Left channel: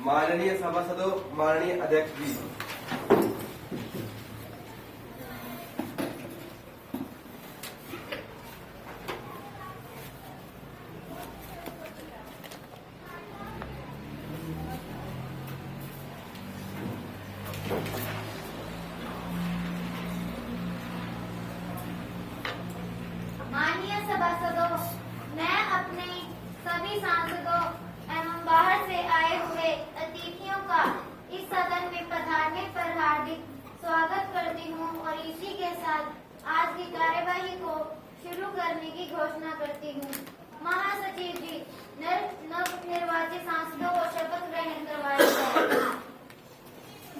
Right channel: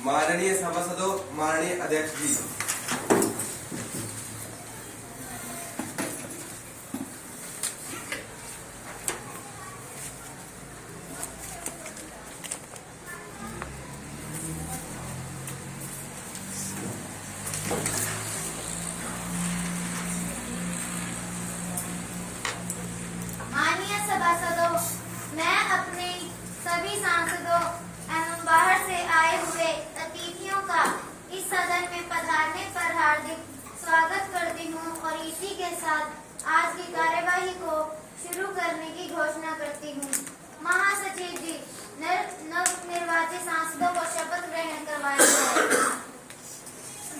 माननीय सभासदों, माननीय अध्यक्ष जी, माननीय सभासदों, मैं अपने सभी सांसदों एवं बाहर से आए हुए अतिथियों का इस सदन में पधारने पर हार्दिक स्वागत करती हूं और इसी के साथ आज की कार्यवाही को शुरू करने की घोषणा करती हूं। महासचिव जी, नवनिर्वाचित सांसदों को शपथ ग्रहण करवाएंगे।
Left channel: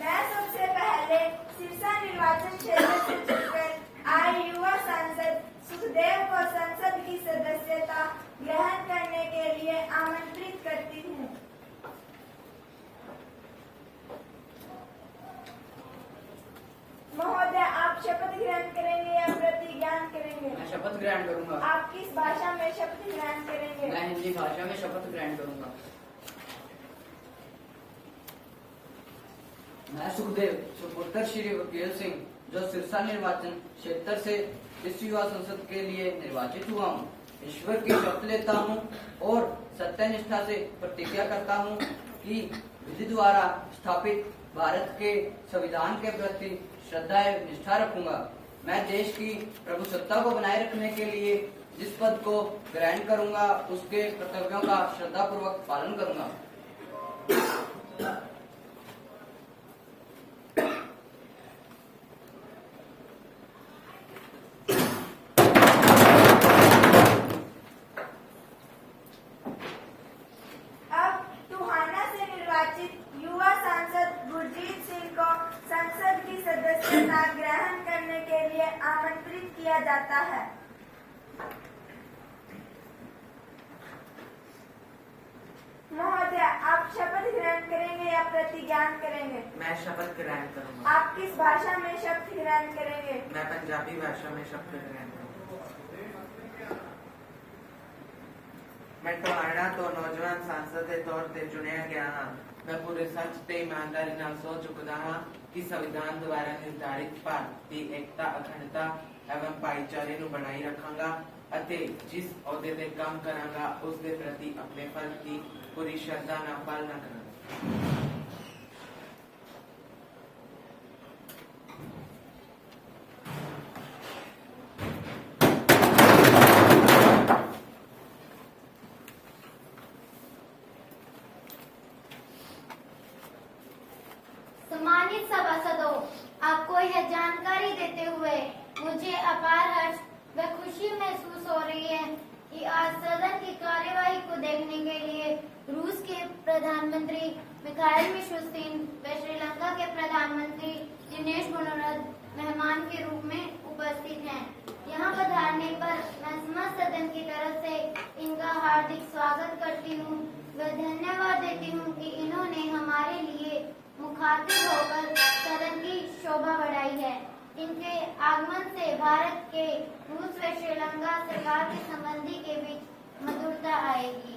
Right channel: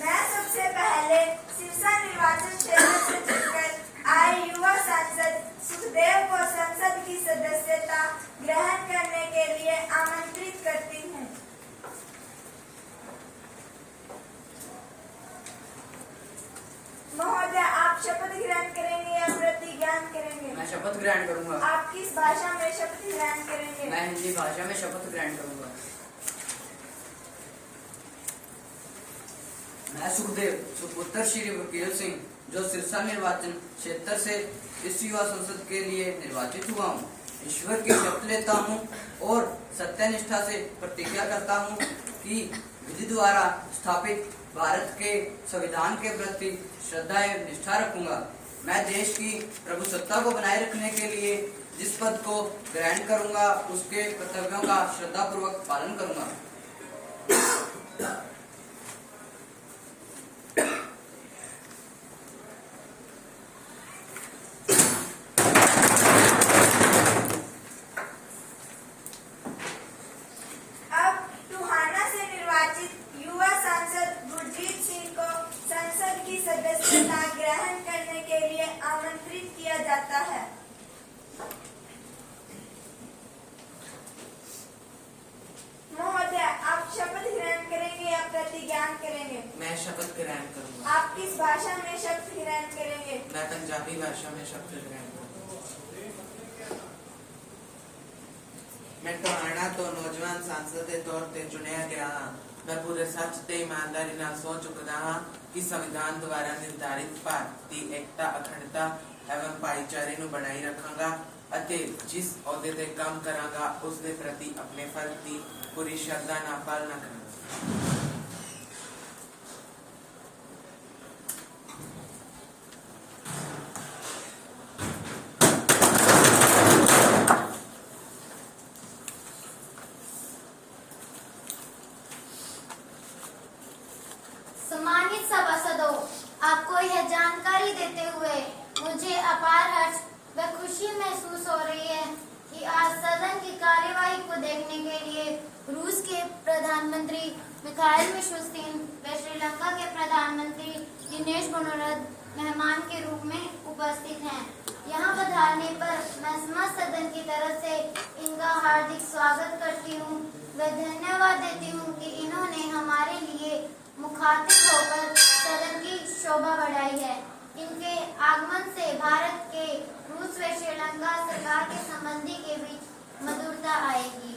मैं सबसे पहले सिरसा निर्वाचन क्षेत्र से चुनकर आए युवा सांसद सुखदेव को संसद की सदस्यता ग्रहण करने के लिए आमंत्रित करती हूँ। महोदय, आप शपथ ग्रहण करेंगे या प्रतिज्ञान करेंगे? मैं शपथ ग्रहण करूंगा। आप किस भाषा में शपथ ग्रहण करेंगे? मैं हिंदी भाषा में शपथ ग्रहण करूंगा। मैं सुखदेव सुपुत्र श्री वकील सिंह, जो सिरसा निर्वाचन क्षेत्र से इस युवा संसद के लिए निर्वाचित हुआ हूँ, ईश्वर की शपथ लेता हूँ और सत्यनिष्ठा से प्रतिज्ञा करता हूँ कि विधि द्वारा स्थापित भारत के संविधान के प्रति श्रद्धा एवं निष्ठा रखूंगा। मैं देश की प्रभुसत्ता को बनाए रखने के लिए जिस पद को ग्रहण करूंगा, उसके कर्तव्यों का श्रद्धापूर्वक पालन करूंगा। सदस्यता ग्रहण करने के लिए आमंत्रित किया जाता है। महोदय, आप शपथ ग्रहण करेंगे या प्रतिज्ञान करेंगे? मैं शपथ ग्रहण करूंगा। आप किस भाषा में शपथ ग्रहण करेंगे? मैं पंजाबी भाषा में शपथ ग्रहण करूंगा। मैं ਤੁਹਾਡਾ ਤੋਂ ਨੌਜਵਾਨ सांसद ਦੇ ਤੌਰ ਤੇ ਚੁਣਿਆ ਗਿਆ ਹਾਂ। मैं पूरे सच ਤੇ ईमानदारी ਨਾਲ ਸੋਚ ਚੁੱਕਦਾ ਹਾਂ कि संविधान द्वारा निर्धारित भारत की एकता, अखंडता एवं भाईचारे ਨੂੰ बनाई रखांगा ਅਤੇ जिस अहुदे ते काम करांगा उस दे प्रति अपने फर्ज की पूरी श्रद्धा ਨਾਲ पालना करांगा। सम्मानित सभासदों, आपको यह जानकारी देते हुए मुझे अपार हर्ष व खुशी महसूस हो रही है कि आज सदन की कार्यवाही को देखने के लिए रूस के प्रधानमंत्री मिखाइल मिशुस्तिन व श्रीलंका के प्रधानमंत्री दिनेश गुणवत्ता मेहमान के रूप में उपस्थित हैं। यहाँ पधारने पर मैं समस्त सदन की तरफ से इनका हार्दिक स्वागत करती हूँ व धन्यवाद देती हूँ कि इन्होंने हमारे लिए मुखातिब होकर सदन की शोभा बढ़ाई है। इनके आगमन से भारत के रूस व श्रीलंका सरकार के संबंधी के बीच मधुरता आएगी।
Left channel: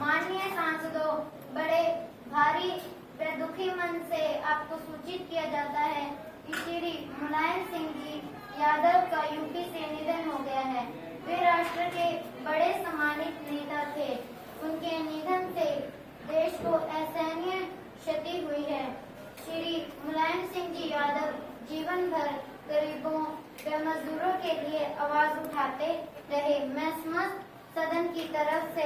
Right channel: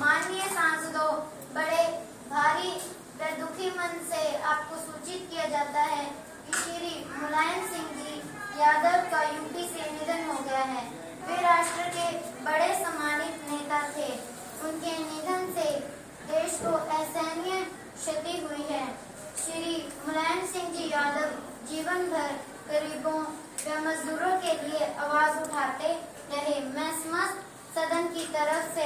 माननीय सांसदों, बड़े भारी व दुखी मन से आपको सूचित किया जाता है कि श्री मुलायम सिंह जी यादव का यूपी से निधन हो गया है। वे राष्ट्र के बड़े सम्मानित नेता थे। उनके जीवन भर गरीबों व मजदूरों के लिए आवाज उठाते रहे। मैं समस्त सदन की तरफ से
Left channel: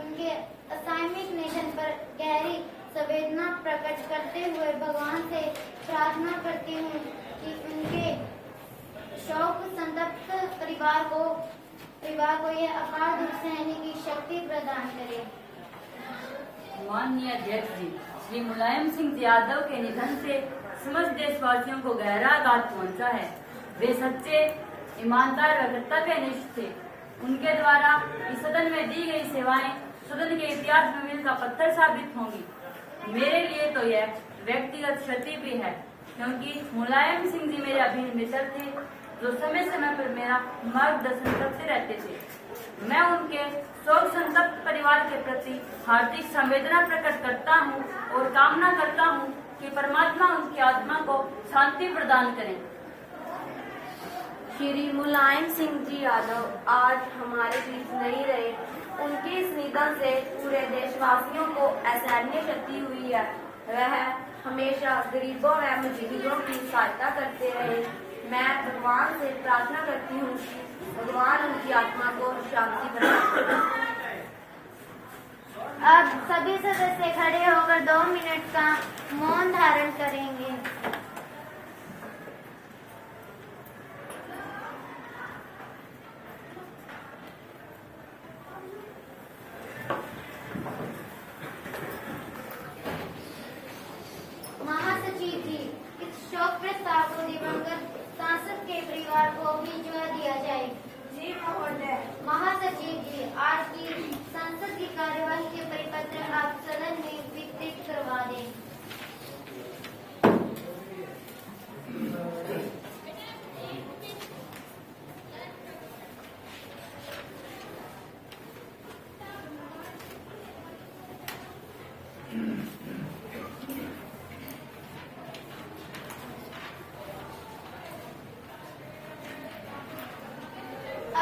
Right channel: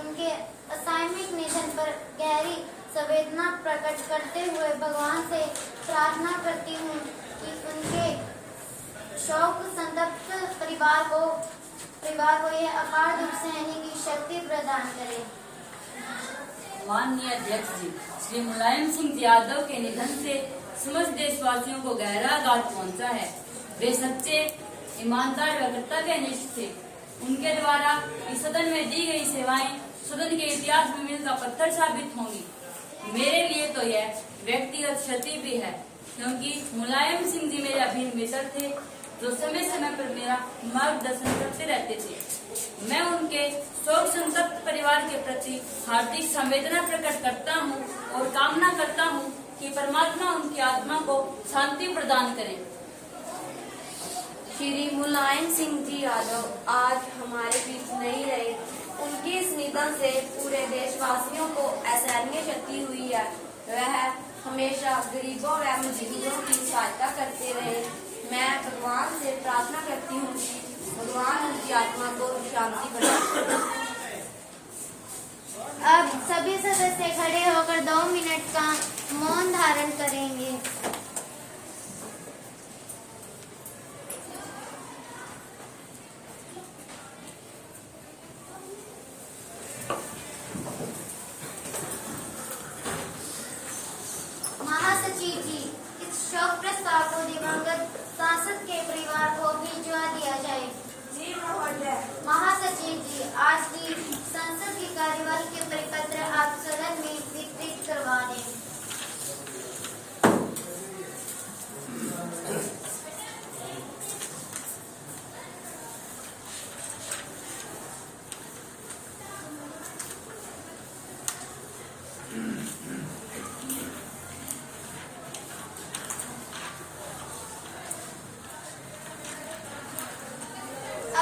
उनके असामयिक निधन पर गहरी संवेदना प्रकट करते हुए भगवान से प्रार्थना करती हूँ कि उनके शोक संतप्त परिवार को यह अपार दुख सहने की शक्ति प्रदान करे। माननीय अध्यक्ष जी, श्री मुलायम सिंह यादव के निधन से समस्त देशवासियों को गहरा आघात पहुंचा है। वे सच्चे, ईमानदार व कर्तव्यनिष्ठ थे। उनके द्वारा इस सदन में दी गई सेवाएं सदन के इतिहास में मील का पत्थर साबित होंगी। मेरे लिए तो यह व्यक्तिगत क्षति भी है, क्योंकि मुलायम सिंह जी मेरे अभिन्न मित्र थे, जो समय समय पर मेरा मार्गदर्शन करते रहते थे। मैं उनके शोक संतप्त परिवार के प्रति हार्दिक संवेदना प्रकट करता हूं और कामना करता हूं कि परमात्मा उनकी आत्मा को शांति प्रदान करें। श्री मुलायम सिंह जी यादव आज हमारे बीच नहीं रहे। उनके इस निधन से पूरे देशवासियों को असहनीय क्षति हुई है। वह हमेशा गरीबों व मजदूरों की सहायता करते रहे। मैं भगवान से प्रार्थना करती हूँ कि भगवान उनकी आत्मा को शांति प्रदान। अब सभी सदस्य खड़े होकर 2 मिनट का मौन धारण करेंगे। महासचिव जी, इस शोक प्रस्ताव को दिवंगत सांसद के परिवार को भिजवा दिया जाए। जी महोदय। महासचिव जी, आज की संसद की कार्यवाही के परिपत्र आप सदन में वितरित करवा दें।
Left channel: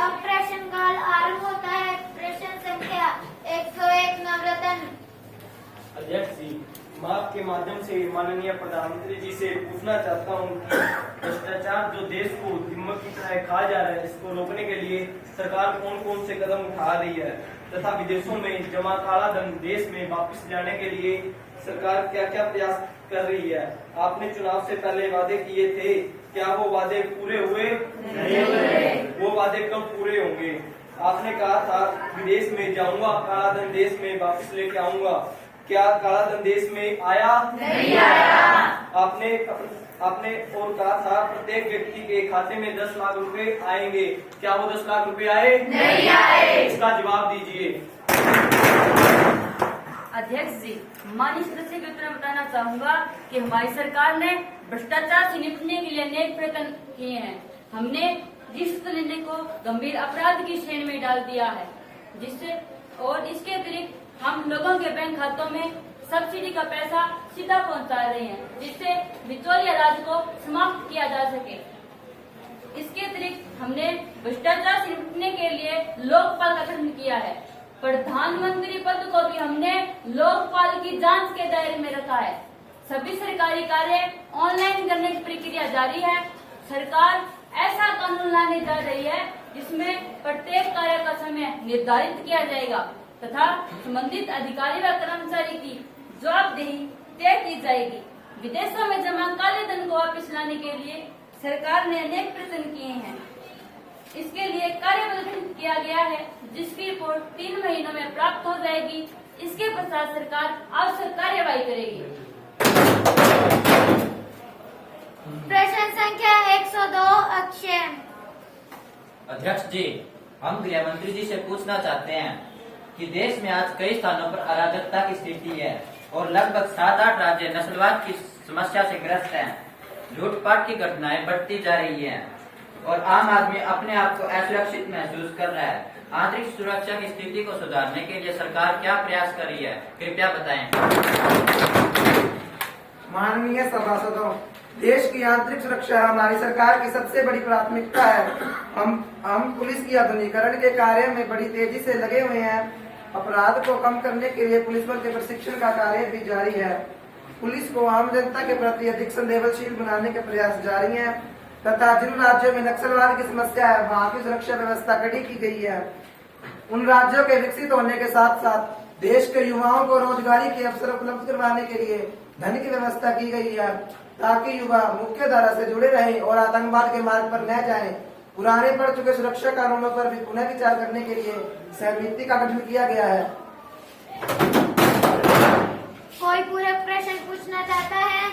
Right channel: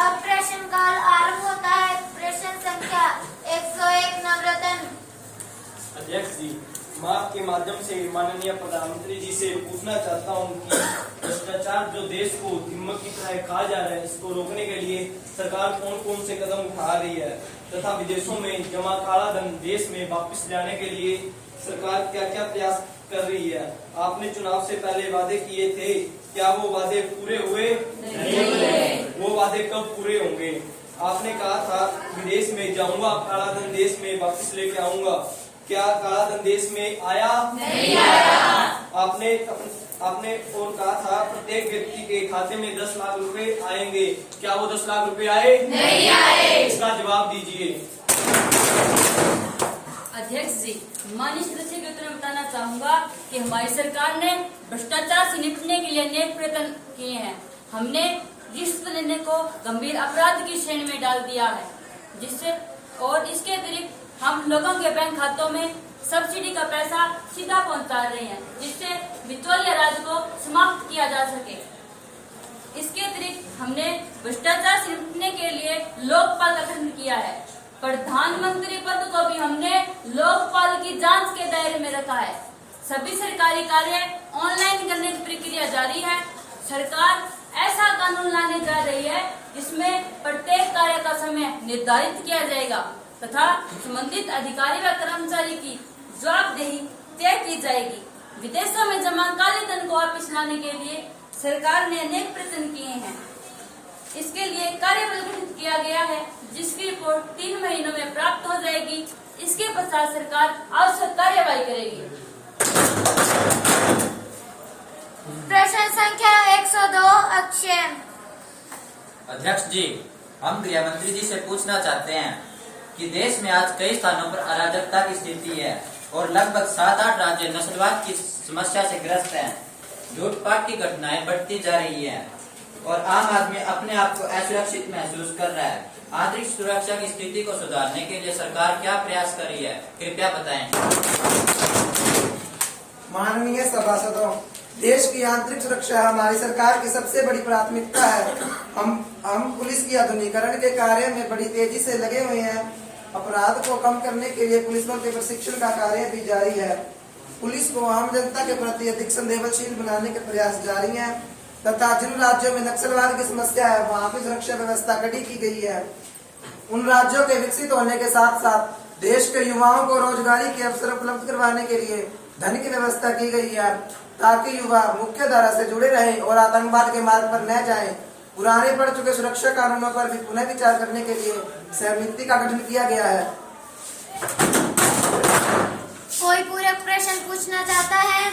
अब प्रश्नकाल आरंभ होता है। प्रश्न संख्या 101 नवरत्न। अध्यक्ष जी, मैं आपके माध्यम से माननीय प्रधानमंत्री जी से पूछना चाहता हूं कि भ्रष्टाचार जो देश को दिमक की तरह खा जा रहा है, इसको रोकने के लिए सरकार कौन कौन से कदम उठा रही है तथा विदेशों में जमा काला धन देश में वापस लाने के लिए सरकार क्या क्या प्रयास कर रही है। आपने चुनाव से पहले वादे किए थे, क्या वो वादे पूरे हुए? नहीं। वो वादे कब पूरे होंगे? आपने कहा था विदेश में जाऊंगा, काला धन देश में वापस लेके आऊंगा। क्या काला धन देश में आया? नहीं आया। आपने और कहा था प्रत्येक व्यक्ति के खाते में 10 लाख रुपए आएंगे। क्या वो 10 लाख रुपए आए? नहीं आए। इसका जवाब दीजिए। अध्यक्ष जी, माननीय सदस्य के उत्तर में बताना चाहूंगा कि हमारी सरकार ने भ्रष्टाचार से निपटने के लिए अनेक प्रयत्न किए हैं। हमने रिश्वत लेने को गंभीर अपराध की श्रेणी में डाल दिया है, जिससे और इसके अतिरिक्त हम लोगों के बैंक खातों में सब्सिडी का पैसा सीधा पहुंचा रहे हैं, जिससे बिचौलिया राज को समाप्त किया जा सके। इसके अतिरिक्त हमने भ्रष्टाचार से निपटने के लिए लोकपाल का गठन किया है। प्रधानमंत्री पद को भी हमने लोकपाल की जांच के दायरे में रखा है। सभी सरकारी कार्य ऑनलाइन करने की प्रक्रिया जारी है। सरकार ऐसा कानून लाने जा रही है जिसमें प्रत्येक कार्य का समय निर्धारित किया जाएगा तथा संबंधित अधिकारी व कर्मचारी की जवाबदेही तय की जाएगी। विदेशों में जमा काले धन को वापस लाने के लिए सरकार ने अनेक प्रयत्न किए हैं। इसके लिए कार्यबल गठित किया गया है, जिसकी रिपोर्ट 3 महीनों में प्राप्त हो जाएगी। इसके पश्चात सरकार आवश्यक कार्यवाही करेगी। प्रश्न संख्या 102 अक्षय। अध्यक्ष जी, हम गृह मंत्री जी से पूछना चाहते हैं कि देश में आज कई स्थानों पर अराजकता की स्थिति है और लगभग 7-8 राज्य नस्लवाद की समस्या से ग्रस्त हैं। लूटपाट की घटनाएं बढ़ती जा रही हैं और आम आदमी अपने आप को असुरक्षित महसूस कर रहा है। आंतरिक सुरक्षा की स्थिति को सुधारने के लिए सरकार क्या प्रयास कर रही है, कृपया बताएं। माननीय सभासदों, देश की आंतरिक सुरक्षा हमारी सरकार की सबसे बड़ी प्राथमिकता है। हम पुलिस की आधुनिकीकरण के कार्य में बड़ी तेजी से लगे हुए हैं। अपराध को कम करने के लिए पुलिस बल के प्रशिक्षण का कार्य भी जारी है। पुलिस को आम जनता के प्रति अधिक संवेदनशील बनाने के प्रयास जारी हैं तथा जिन राज्यों में नक्सलवाद की समस्या है वहां की सुरक्षा व्यवस्था कड़ी की गई है। उन राज्यों के विकसित होने के साथ साथ देश के युवाओं को रोजगारी के अवसर उपलब्ध करवाने के लिए धन की व्यवस्था की गई है ताकि युवा मुख्य धारा से जुड़े रहें और आतंकवाद के मार्ग पर न जाएं। पुराने पड़ चुके सुरक्षा कानूनों पर भी पुनः विचार करने के लिए समिति का गठन किया गया है। कोई पूरक प्रश्न पूछना चाहता है?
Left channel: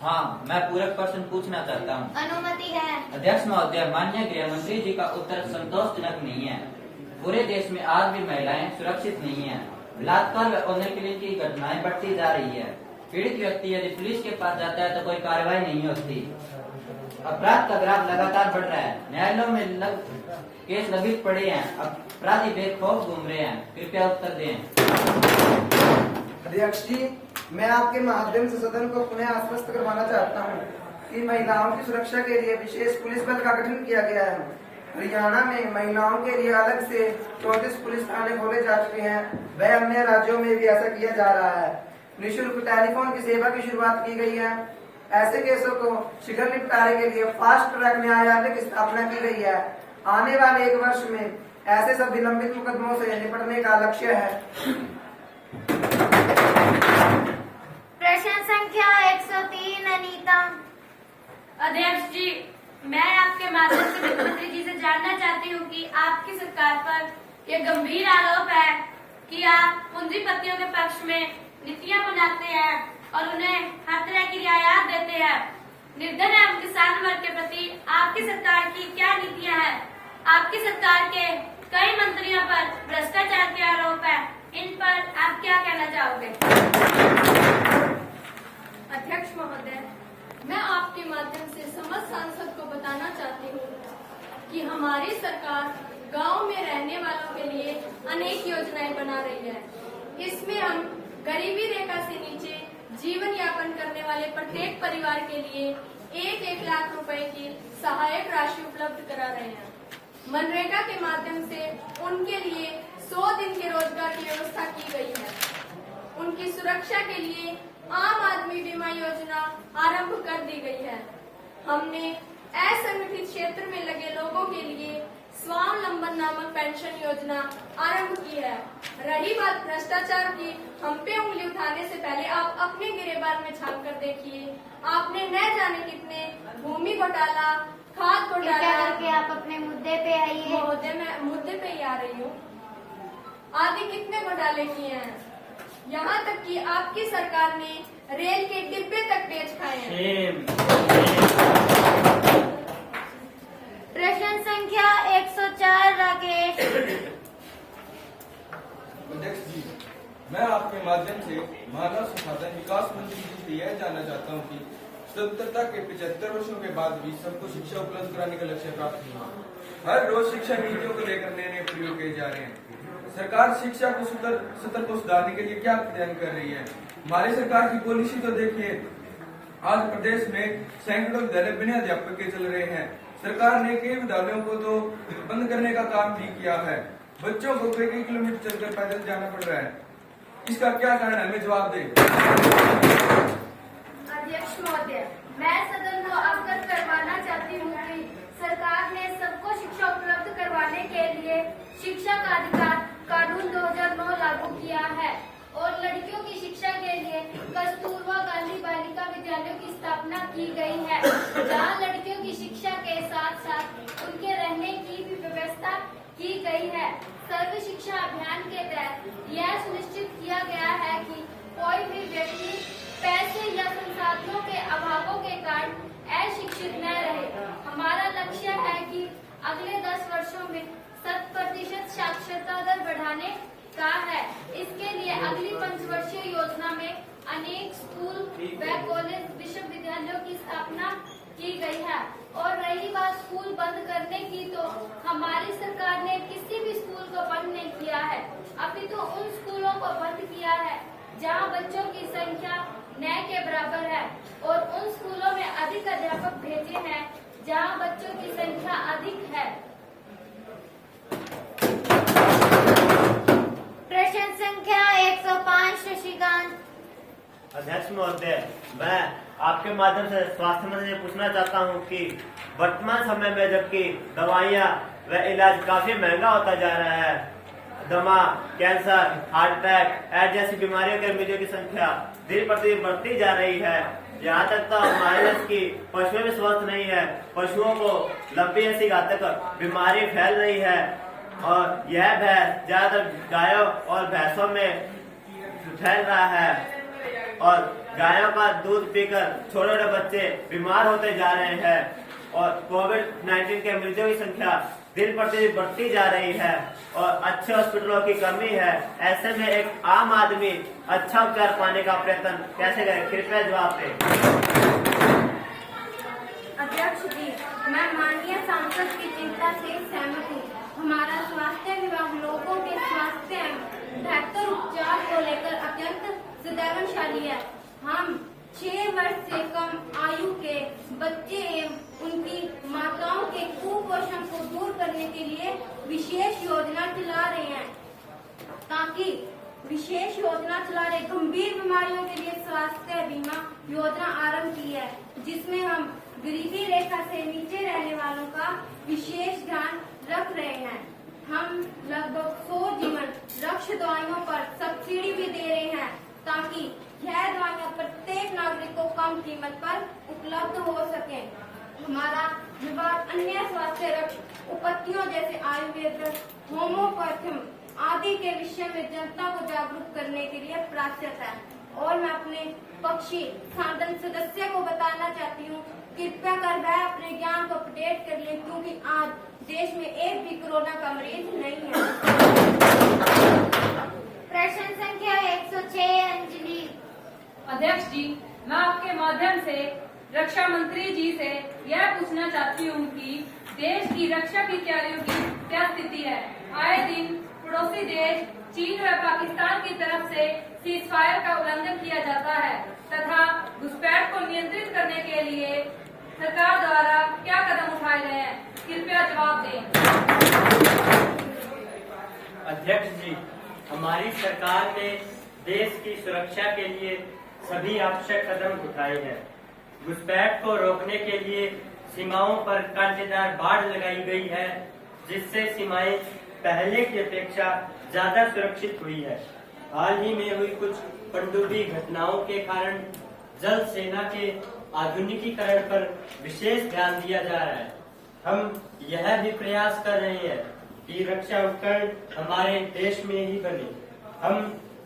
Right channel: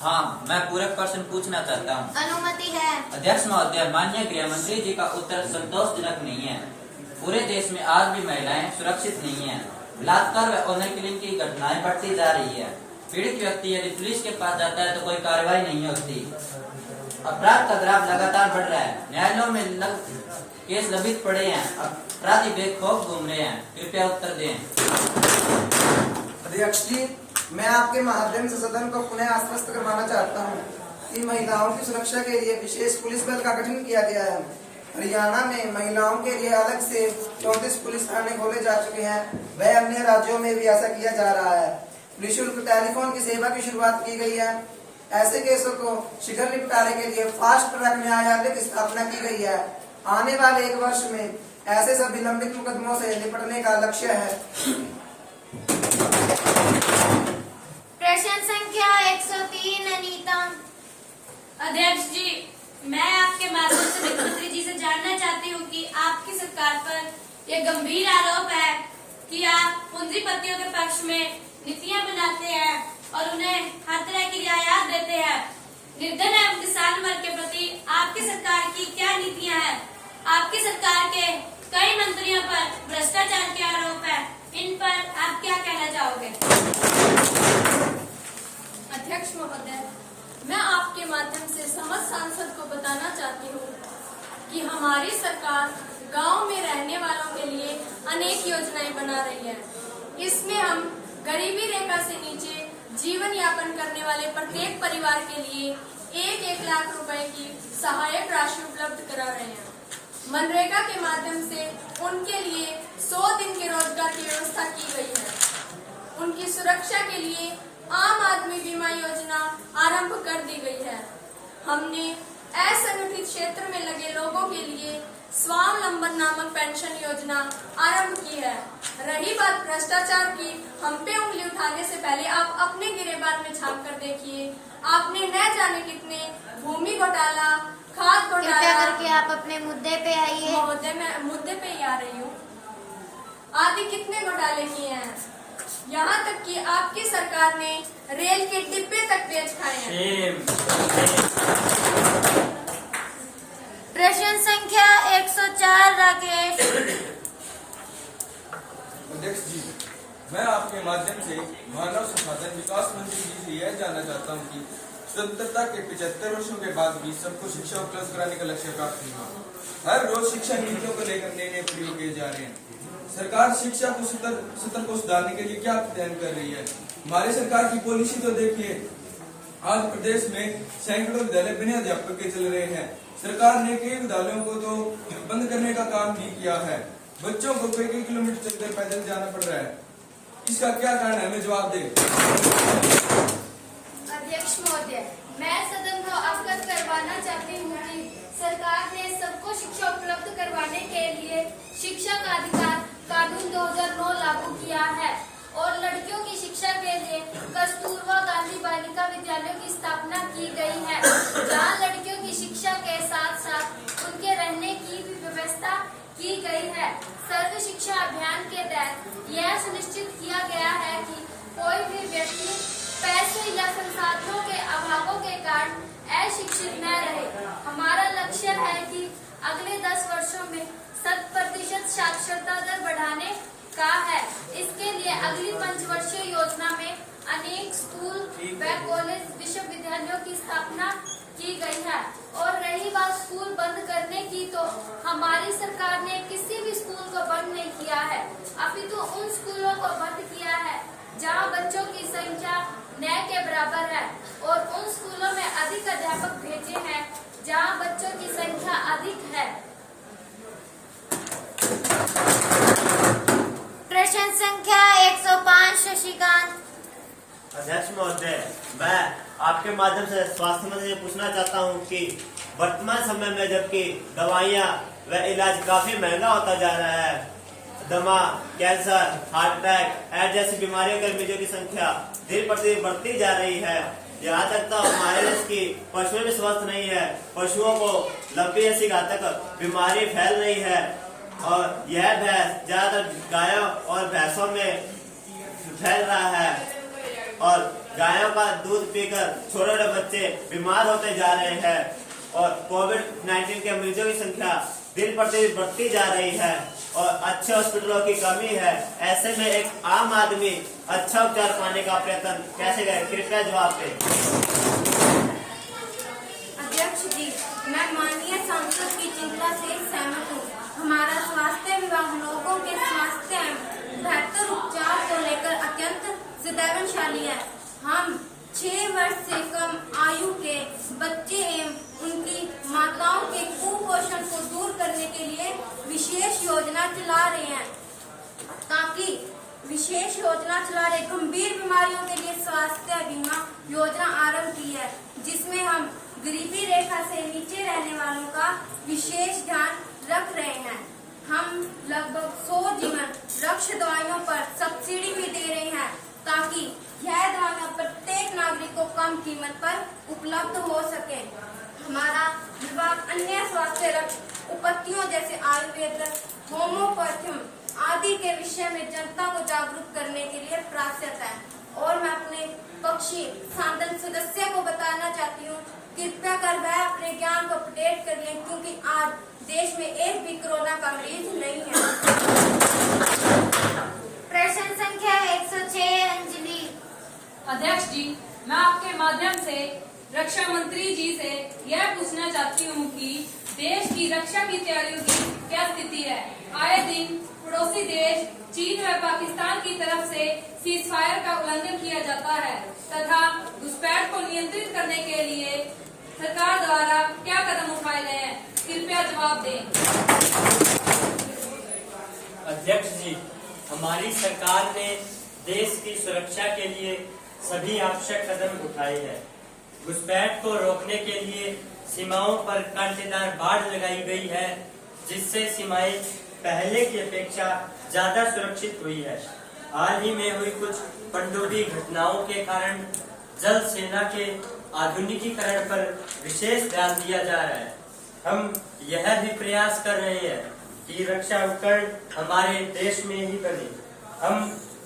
हाँ, मैं पूरक प्रश्न पूछना चाहता हूँ। अनुमति है। अध्यक्ष महोदय, माननीय गृह मंत्री जी का उत्तर संतोषजनक नहीं है। पूरे देश में आज भी महिलाएं सुरक्षित नहीं हैं। बलात्कार व ऑनर किलिंग की घटनाएं बढ़ती जा रही है। पीड़ित व्यक्ति यदि पुलिस के पास जाता है तो कोई कार्रवाई नहीं होती। अपराध का ग्राफ लगातार बढ़ रहा है। न्यायालयों में केस लंबित पड़े हैं। अपराधी बेखौफ घूम रहे हैं। कृपया उत्तर दें। अध्यक्ष जी, मैं आपके माध्यम से सदन को पुनः आश्वस्त करवाना चाहता हूँ कि महिलाओं की सुरक्षा के लिए विशेष पुलिस बल का गठन किया गया है। हरियाणा में महिलाओं के लिए अलग से 34 पुलिस थाने खोले जा चुके हैं। वह अन्य राज्यों में भी ऐसा किया जा रहा है। निःशुल्क टेलीफोन की सेवा की शुरुआत की गई है। ऐसे केसों को शीघ्र निपटारे के लिए फास्ट ट्रैक न्यायालय की स्थापना की गई है। आने वाले 1 वर्ष में ऐसे सभी लंबित मुकदमों से निपटने का लक्ष्य है। प्रश्न संख्या 103 अनीता। अध्यक्ष जी, मैं आपके माध्यम से वित्त मंत्री जी से जानना चाहती हूँ कि आपकी सरकार पर यह गंभीर आरोप है कि आप पूंजीपतियों के पक्ष में नीतियाँ बनाते हैं और उन्हें हर तरह की रियायत देते हैं। निर्धन एवं किसान वर्ग के प्रति आपकी सरकार की क्या नीतियाँ हैं? आपकी सरकार के कई मंत्रियों पर भ्रष्टाचार के आरोप है। इन पर आप क्या कहना चाहोगे? अध्यक्ष महोदय, मैं आपके माध्यम से समस्त सांसद को बताना चाहती हूँ कि हमारी सरकार गांव में रहने वालों के लिए अनेक योजनाएं बना रही है। इसमें हम गरीबी रेखा से नीचे जीवन यापन करने वाले प्रत्येक परिवार के लिए 1-1 लाख रुपए की सहायक राशि उपलब्ध करा रहे हैं। मनरेगा के माध्यम से उनके लिए 100 दिन के रोजगार की व्यवस्था की गई है। उनकी सुरक्षा के लिए आम आदमी बीमा योजना आरंभ कर दी गई है। हमने असंगठित क्षेत्र में लगे लोगों के लिए स्वावलंबन नामक पेंशन योजना आरंभ की है। रही बात भ्रष्टाचार की, हम पे उंगली उठाने से पहले आप अपने गिरेबान में झांक कर देखिए। आपने न जाने कितने भूमि घोटाला, खाद घोटाला करके आप अपने मुद्दे पे आइए। महोदय, मैं मुद्दे पे ही आ रही हूँ। आदि कितने घोटाले किए हैं। यहाँ तक कि आपकी सरकार ने रेल के डिब्बे तक बेच खाए हैं। प्रश्न संख्या 104 राकेश। अध्यक्ष जी, मैं आपके माध्यम से मानव संसाधन विकास मंत्री जी से यह जानना चाहता हूँ कि स्वतंत्रता के 75 वर्षों के बाद भी सबको शिक्षा उपलब्ध कराने का लक्ष्य प्राप्त हुआ। हर रोज शिक्षा नीतियों को लेकर नए नए प्रयोग किए जा रहे हैं। सरकार शिक्षा को सत्र को सुधारने के लिए क्या प्लान कर रही है? हमारी सरकार की पॉलिसी तो देखिए, आज प्रदेश में सैकड़ों विद्यालय बिना अध्यापक के चल रहे हैं। सरकार ने कई विद्यालयों को तो बंद करने का काम भी किया है। बच्चों को कई किलोमीटर चलकर पैदल जाना पड़ रहा है। इसका क्या कारण है? हमें जवाब दे। अध्यक्ष महोदय, मैं सदन को अवगत करवाना चाहती हूँ कि सरकार ने सबको शिक्षा उपलब्ध करवाने के लिए शिक्षा का अधिकार कानून 2009 लागू किया है और लड़कियों की शिक्षा के लिए कस्तूरबा गांधी बालिका विद्यालयों की स्थापना की गई है, जहां लड़कियों की शिक्षा के साथ साथ उनके रहने की भी व्यवस्था की गई है। सर्व शिक्षा अभियान के तहत यह सुनिश्चित किया गया है कि कोई भी व्यक्ति पैसे या संसाधनों के अभावों के कारण अशिक्षित न रहे। हमारा लक्ष्य है कि अगले 10 वर्षों में 100% साक्षरता दर बढ़ाने का है। इसके लिए अगली 5 वर्षीय योजना में अनेक स्कूल व कॉलेज विश्वविद्यालयों की स्थापना की गई है। और रही बात स्कूल बंद करने की, तो हमारी सरकार ने किसी भी स्कूल को बंद नहीं किया है, अपितु उन स्कूलों को बंद किया है जहां बच्चों की संख्या न के बराबर है और उन स्कूलों में अधिक अध्यापक भेजे हैं जहां बच्चों की संख्या अधिक है। प्रश्न संख्या 105 शशिकांत। अध्यक्ष महोदय, मैं आपके माध्यम से स्वास्थ्य मंत्री से पूछना चाहता हूं कि वर्तमान समय में जबकि दवाइयां व इलाज काफी महंगा होता जा रहा है, दमा, कैंसर, हार्ट अटैक, एड्स जैसी बीमारियों के मरीजों की संख्या दिन प्रतिदिन बढ़ती जा रही है। यहाँ तक तो हमारे देश की पशुएं भी स्वस्थ नहीं है, पशुओं को लंबी ऐसी घातक बीमारी फैल रही है और यह भैंस ज्यादातर गायों और भैंसों में फैल रहा है और गायों का दूध पीकर छोटे छोटे बच्चे बीमार होते जा रहे हैं और कोविड-19 के मरीजों की संख्या दिन प्रतिदिन बढ़ती जा रही है और अच्छे हॉस्पिटलों की कमी है। ऐसे में एक आम आदमी अच्छा उपचार पाने का प्रयत्न कैसे करे? कृपया जवाब दें। अध्यक्ष जी, मैं माननीय सांसद की चिंता से सहमत हूँ। हमारा स्वास्थ्य विभाग लोगों के स्वास्थ्य एवं बेहतर उपचार को लेकर अत्यंत संवेदनशील है। हम 6 वर्ष से कम आयु के बच्चे एवं उनकी माताओं के कुपोषण को दूर करने के लिए विशेष योजना चला रहे हैं। गंभीर बीमारियों के लिए स्वास्थ्य बीमा योजना आरंभ की है, जिसमें हम गरीबी रेखा से नीचे रहने वालों का विशेष ध्यान रख रहे हैं। हम लगभग 100 जीवन रक्षा दवाइयों पर सब्सिडी भी दे रहे हैं ताकि यह दवाइयां प्रत्येक नागरिक को कम कीमत पर उपलब्ध हो सके। हमारा विभाग अन्य स्वास्थ्य रक्षा उपत्तियों जैसे आयुर्वेद, होम्योपैथी आदि के विषय में जनता को जागरूक करने के लिए प्रयासरत है। और मैं अपने पक्षी सांसद सदस्य को बताना चाहती हूँ, कृपया कर वह अपने ज्ञान को अपडेट कर लें, क्योंकि आज देश में एक भी कोरोना का मरीज नहीं है। प्रश्न संख्या 106 अंजलि। अध्यक्ष जी, मैं आपके माध्यम से रक्षा मंत्री जी से यह पूछना चाहती हूँ कि देश की रक्षा की तैयारियों की क्या स्थिति है। आए दिन पड़ोसी देश चीन व पाकिस्तान की तरफ से सीजफायर का उल्लंघन किया जाता है तथा घुसपैठ को नियंत्रित करने के लिए सरकार द्वारा क्या कदम उठाए गए हैं? कृपया जवाब दें। अध्यक्ष जी, हमारी सरकार ने देश की सुरक्षा के लिए सभी आवश्यक कदम उठाए हैं। घुसपैठ को रोकने के लिए सीमाओं पर कांटेदार बाड़ लगाई गई है, जिससे सीमाएं पहले की अपेक्षा ज्यादा सुरक्षित हुई है। हाल ही में हुई कुछ पनडुब्बी घटनाओं के कारण जल सेना के आधुनिकीकरण पर विशेष ध्यान दिया जा रहा है। हम यह भी प्रयास कर रहे हैं कि रक्षा उपकरण हमारे देश में ही बने। हम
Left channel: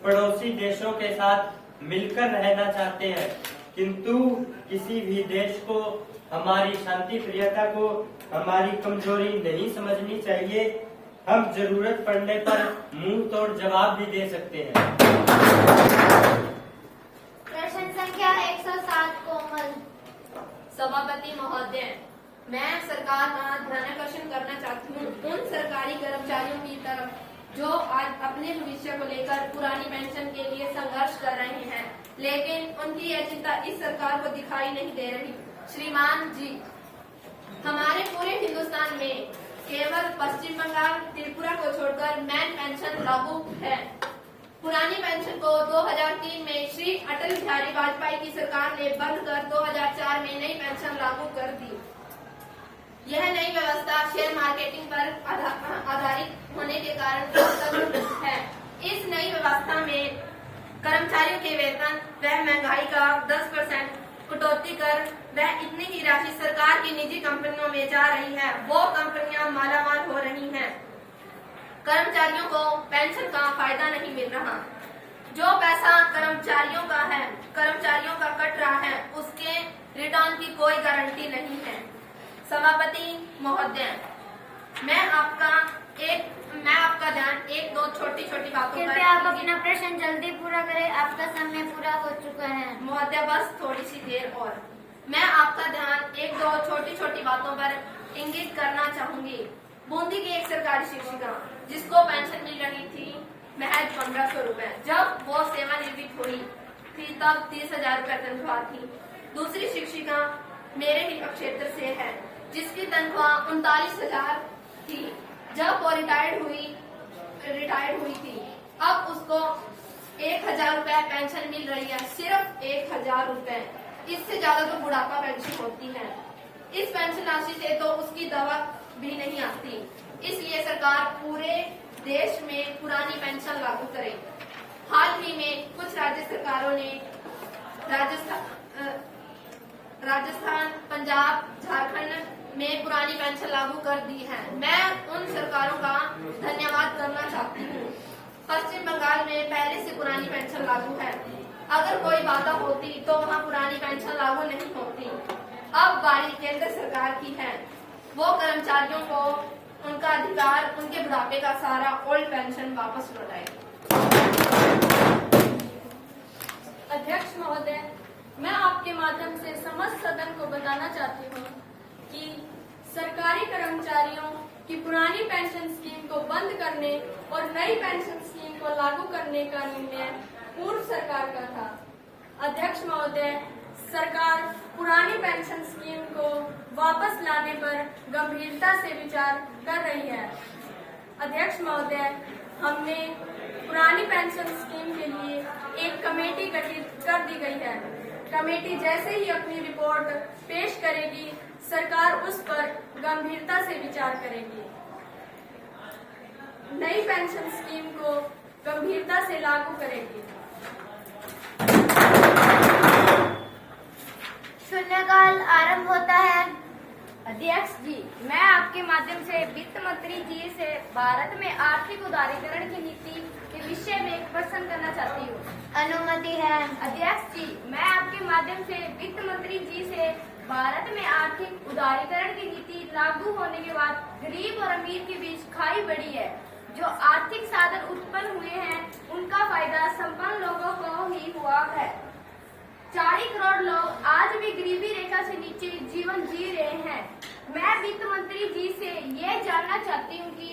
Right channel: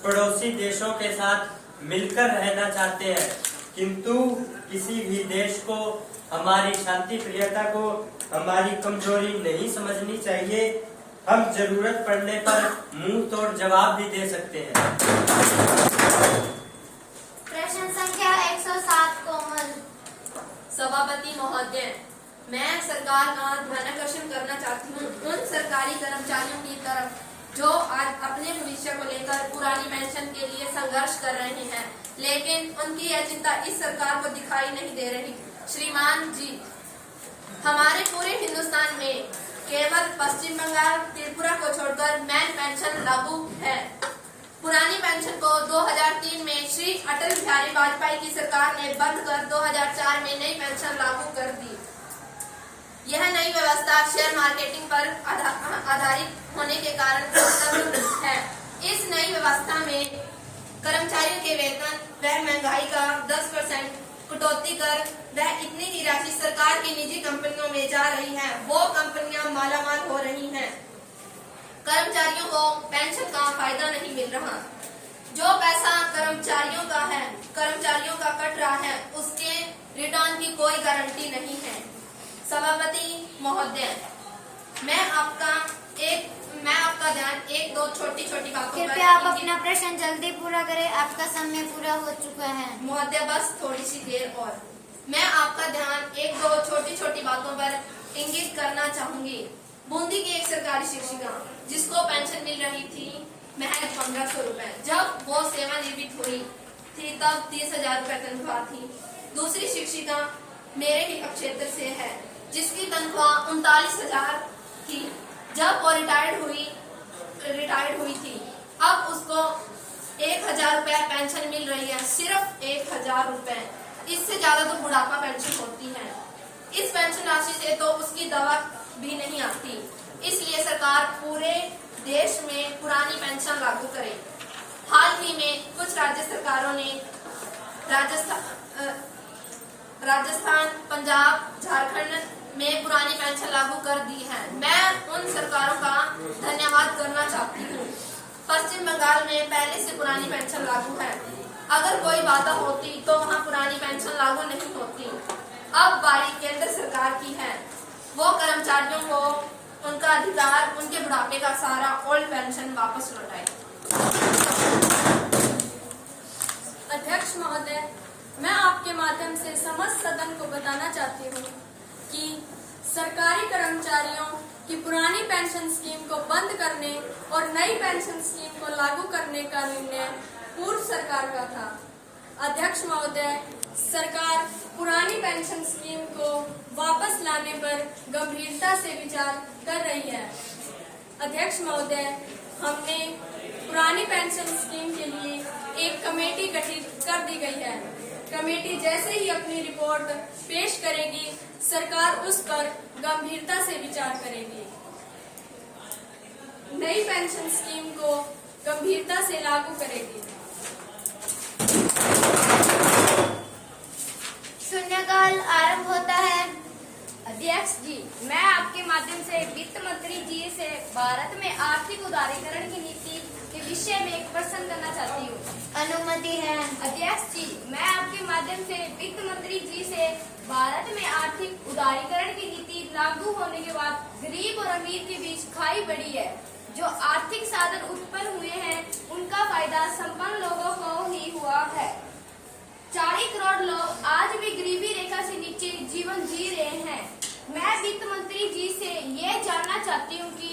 पड़ोसी देशों के साथ मिलकर रहना चाहते हैं, किंतु किसी भी देश को हमारी शांति प्रियता को हमारी कमजोरी नहीं समझनी चाहिए। हम जरूरत पड़ने पर मुंह तोड़ जवाब भी दे सकते हैं। प्रश्न संख्या 107 कोमल। सभापति महोदय, मैं सरकार का ध्यानाकर्षण करना चाहती हूँ उन सरकारी कर्मचारियों की तरफ जो आज अपने भविष्य को लेकर पुरानी पेंशन के लिए संघर्ष कर रहे हैं, लेकिन उनकी यह चिंता इस सरकार को दिखाई नहीं दे रही। श्रीमान जी, हमारे पूरे हिंदुस्तान में केवल पश्चिम बंगाल, त्रिपुरा को छोड़कर मैन पेंशन लागू है। पुरानी पेंशन को 2003 में श्री अटल बिहारी वाजपेयी की सरकार ने बंद कर 2004 में नई पेंशन लागू कर दी। यह नई व्यवस्था शेयर मार्केटिंग पर आधारित होने के कारण है। इस नई व्यवस्था में कर्मचारियों के वेतन व महंगाई का 10% कटौती कर वह इतनी की राशि सरकार की निजी कंपनियों में जा रही है। वो कंपनियां मालामाल हो रही हैं। कर्मचारियों को पेंशन का फायदा नहीं मिल रहा। जो पैसा कर्मचारियों का है, कर्मचारियों का कट रहा है, उसके रिटर्न की कोई गारंटी नहीं है। सभापति महोदय, मैं आपका ध्यान एक दो छोटी छोटी बातों पर। कृपया आप अपना प्रश्न जल्दी पूरा करें, आपका समय पूरा हो चुका है। महोदय, बस थोड़ी सी देर और। मैं आपका ध्यान एक दो छोटी छोटी बातों पर इंगित करना चाहूंगी। बूंदी की एक सरकारी शिक्षिका जिसको पेंशन मिल रही थी महज 1500 रुपए, जब वो सेवानिवृत्त हुई थी तब 30,000 रुपए तनख्वाह थी। दूसरी शिक्षिका मेरे ही क्षेत्र से है जिसकी तनख्वाह 39,000 थी जब वो रिटायर्ड हुई थी। अब उसको 1000 रुपए पेंशन मिल रही है, सिर्फ 1000 रुपए। इससे ज्यादा तो बुढ़ापा पेंशन होती है। इस पेंशन राशि से तो उसकी दवा भी नहीं आती। इसलिए सरकार पूरे देश में पुरानी पेंशन लागू करे। हाल ही में कुछ राज्य सरकारों ने राजस्थान, पंजाब, झारखंड में पुरानी पेंशन लागू कर दी है। मैं उन सरकारों का धन्यवाद करना चाहती हूँ। पश्चिम बंगाल में पहले से पुरानी पेंशन लागू है। अगर कोई बाधा होती तो वहाँ पुरानी पेंशन लागू नहीं होती। अब बारी केंद्र सरकार की है। वो कर्मचारियों को उनका अधिकार, उनके बुढ़ापे का सारा ओल्ड पेंशन वापस लौटाए। अध्यक्ष महोदय, मैं आपके माध्यम से समस्त सदन को बताना चाहती हूँ कि सरकारी कर्मचारियों की पुरानी पेंशन स्कीम को बंद करने और नई पेंशन स्कीम को लागू करने का निर्णय पूर्व सरकार का था। अध्यक्ष महोदय, सरकार पुरानी पेंशन स्कीम को वापस लाने पर गंभीरता से विचार कर रही है। अध्यक्ष महोदय, हमने पुरानी पेंशन स्कीम के लिए एक कमेटी गठित कर दी गई है। कमेटी जैसे ही अपनी रिपोर्ट पेश करेगी, सरकार उस पर गंभीरता से विचार करेगी। नई पेंशन स्कीम को गंभीरता से लागू करेगी। शून्यकाल आरंभ होता है। अध्यक्ष जी, मैं आपके माध्यम से वित्त मंत्री जी से भारत में आर्थिक उदारीकरण की नीति के विषय में एक प्रश्न करना चाहती हूँ। अनुमति है। अध्यक्ष जी, मैं आपके माध्यम से वित्त मंत्री जी से भारत में आर्थिक उदारीकरण की नीति लागू होने के बाद गरीब और अमीर के बीच खाई बढ़ी है। जो आर्थिक साधन उत्पन्न हुए हैं, उनका फायदा संपन्न लोगों को ही हुआ है। 40 करोड़ लोग आज भी गरीबी रेखा से नीचे जीवन जी रहे हैं। मैं वित्त मंत्री जी से ये जानना चाहती हूँ कि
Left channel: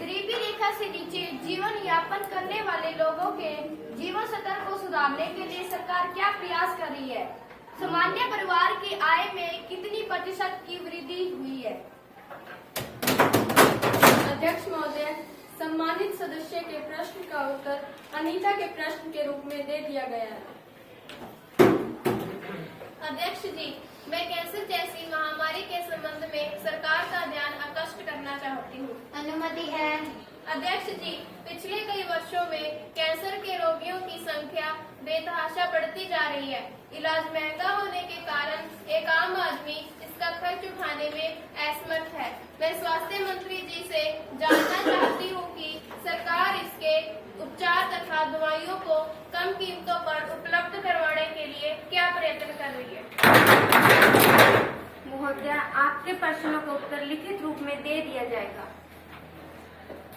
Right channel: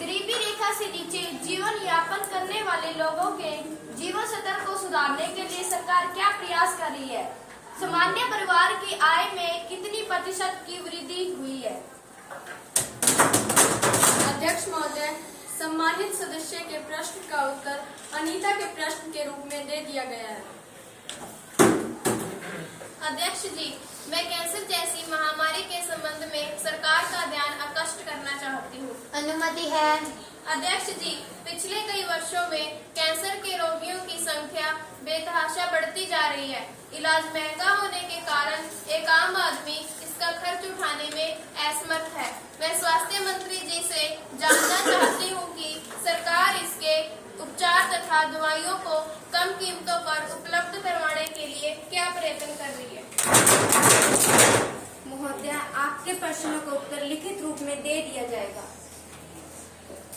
गरीबी रेखा से नीचे जीवन यापन करने वाले लोगों के जीवन स्तर को सुधारने के लिए सरकार क्या प्रयास कर रही है? सामान्य परिवार की आय में कितनी प्रतिशत की वृद्धि हुई है? अध्यक्ष महोदय, सम्मानित सदस्य के प्रश्न का उत्तर अनीता के प्रश्न के रूप में दे दिया गया है। अध्यक्ष जी, मैं कैंसर जैसी महामारी के संबंध में सरकार का ध्यान आकृष्ट करना चाहती हूँ। अनुमति है। अध्यक्ष जी, पिछले कई वर्षों में कैंसर के रोगियों की संख्या बेतहाशा बढ़ती जा रही है। इलाज महंगा होने के कारण एक आम आदमी इसका खर्च उठाने में असमर्थ है। मैं स्वास्थ्य मंत्री जी से जानना चाहती हूँ कि सरकार इसके उपचार तथा दवाइयों को कम कीमतों पर उपलब्ध करवाने के लिए क्या प्रयत्न कर रही है? महोदय, आपके प्रश्नों का उत्तर लिखित रूप में दे दिया जाएगा।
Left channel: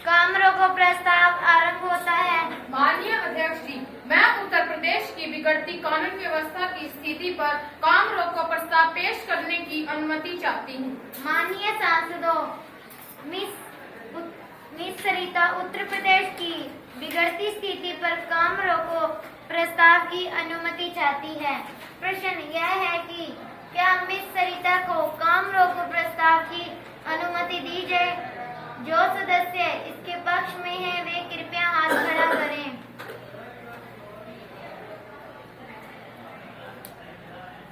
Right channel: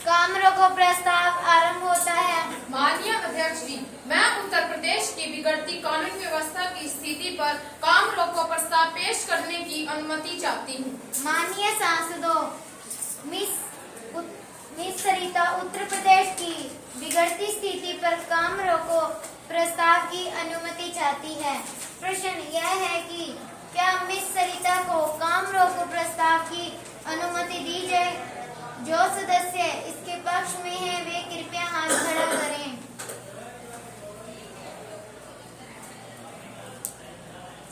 काम रोको प्रस्ताव आरंभ होता है। माननीय अध्यक्ष जी, मैं उत्तर प्रदेश की बिगड़ती कानून व्यवस्था की स्थिति पर काम रोको प्रस्ताव पेश करने की अनुमति चाहती हूँ। माननीय सांसदों, मिस सरिता उत्तर प्रदेश की बिगड़ती स्थिति पर काम रोको प्रस्ताव की अनुमति चाहती है। प्रश्न यह है कि क्या मिस सरिता को काम रोको प्रस्ताव की अनुमति दी जाए? जो सदस्य इसके पक्ष में हैं, वे कृपया हाथ खड़ा करें।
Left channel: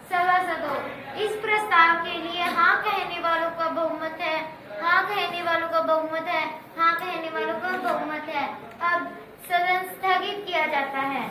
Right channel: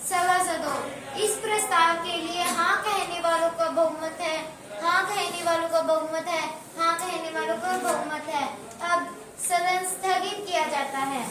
सभासदों, इस प्रस्ताव के लिए हाँ कहने वालों का बहुमत है, हाँ कहने वालों का बहुमत है, हाँ कहने वालों का बहुमत है। अब सदन स्थगित किया जाता है।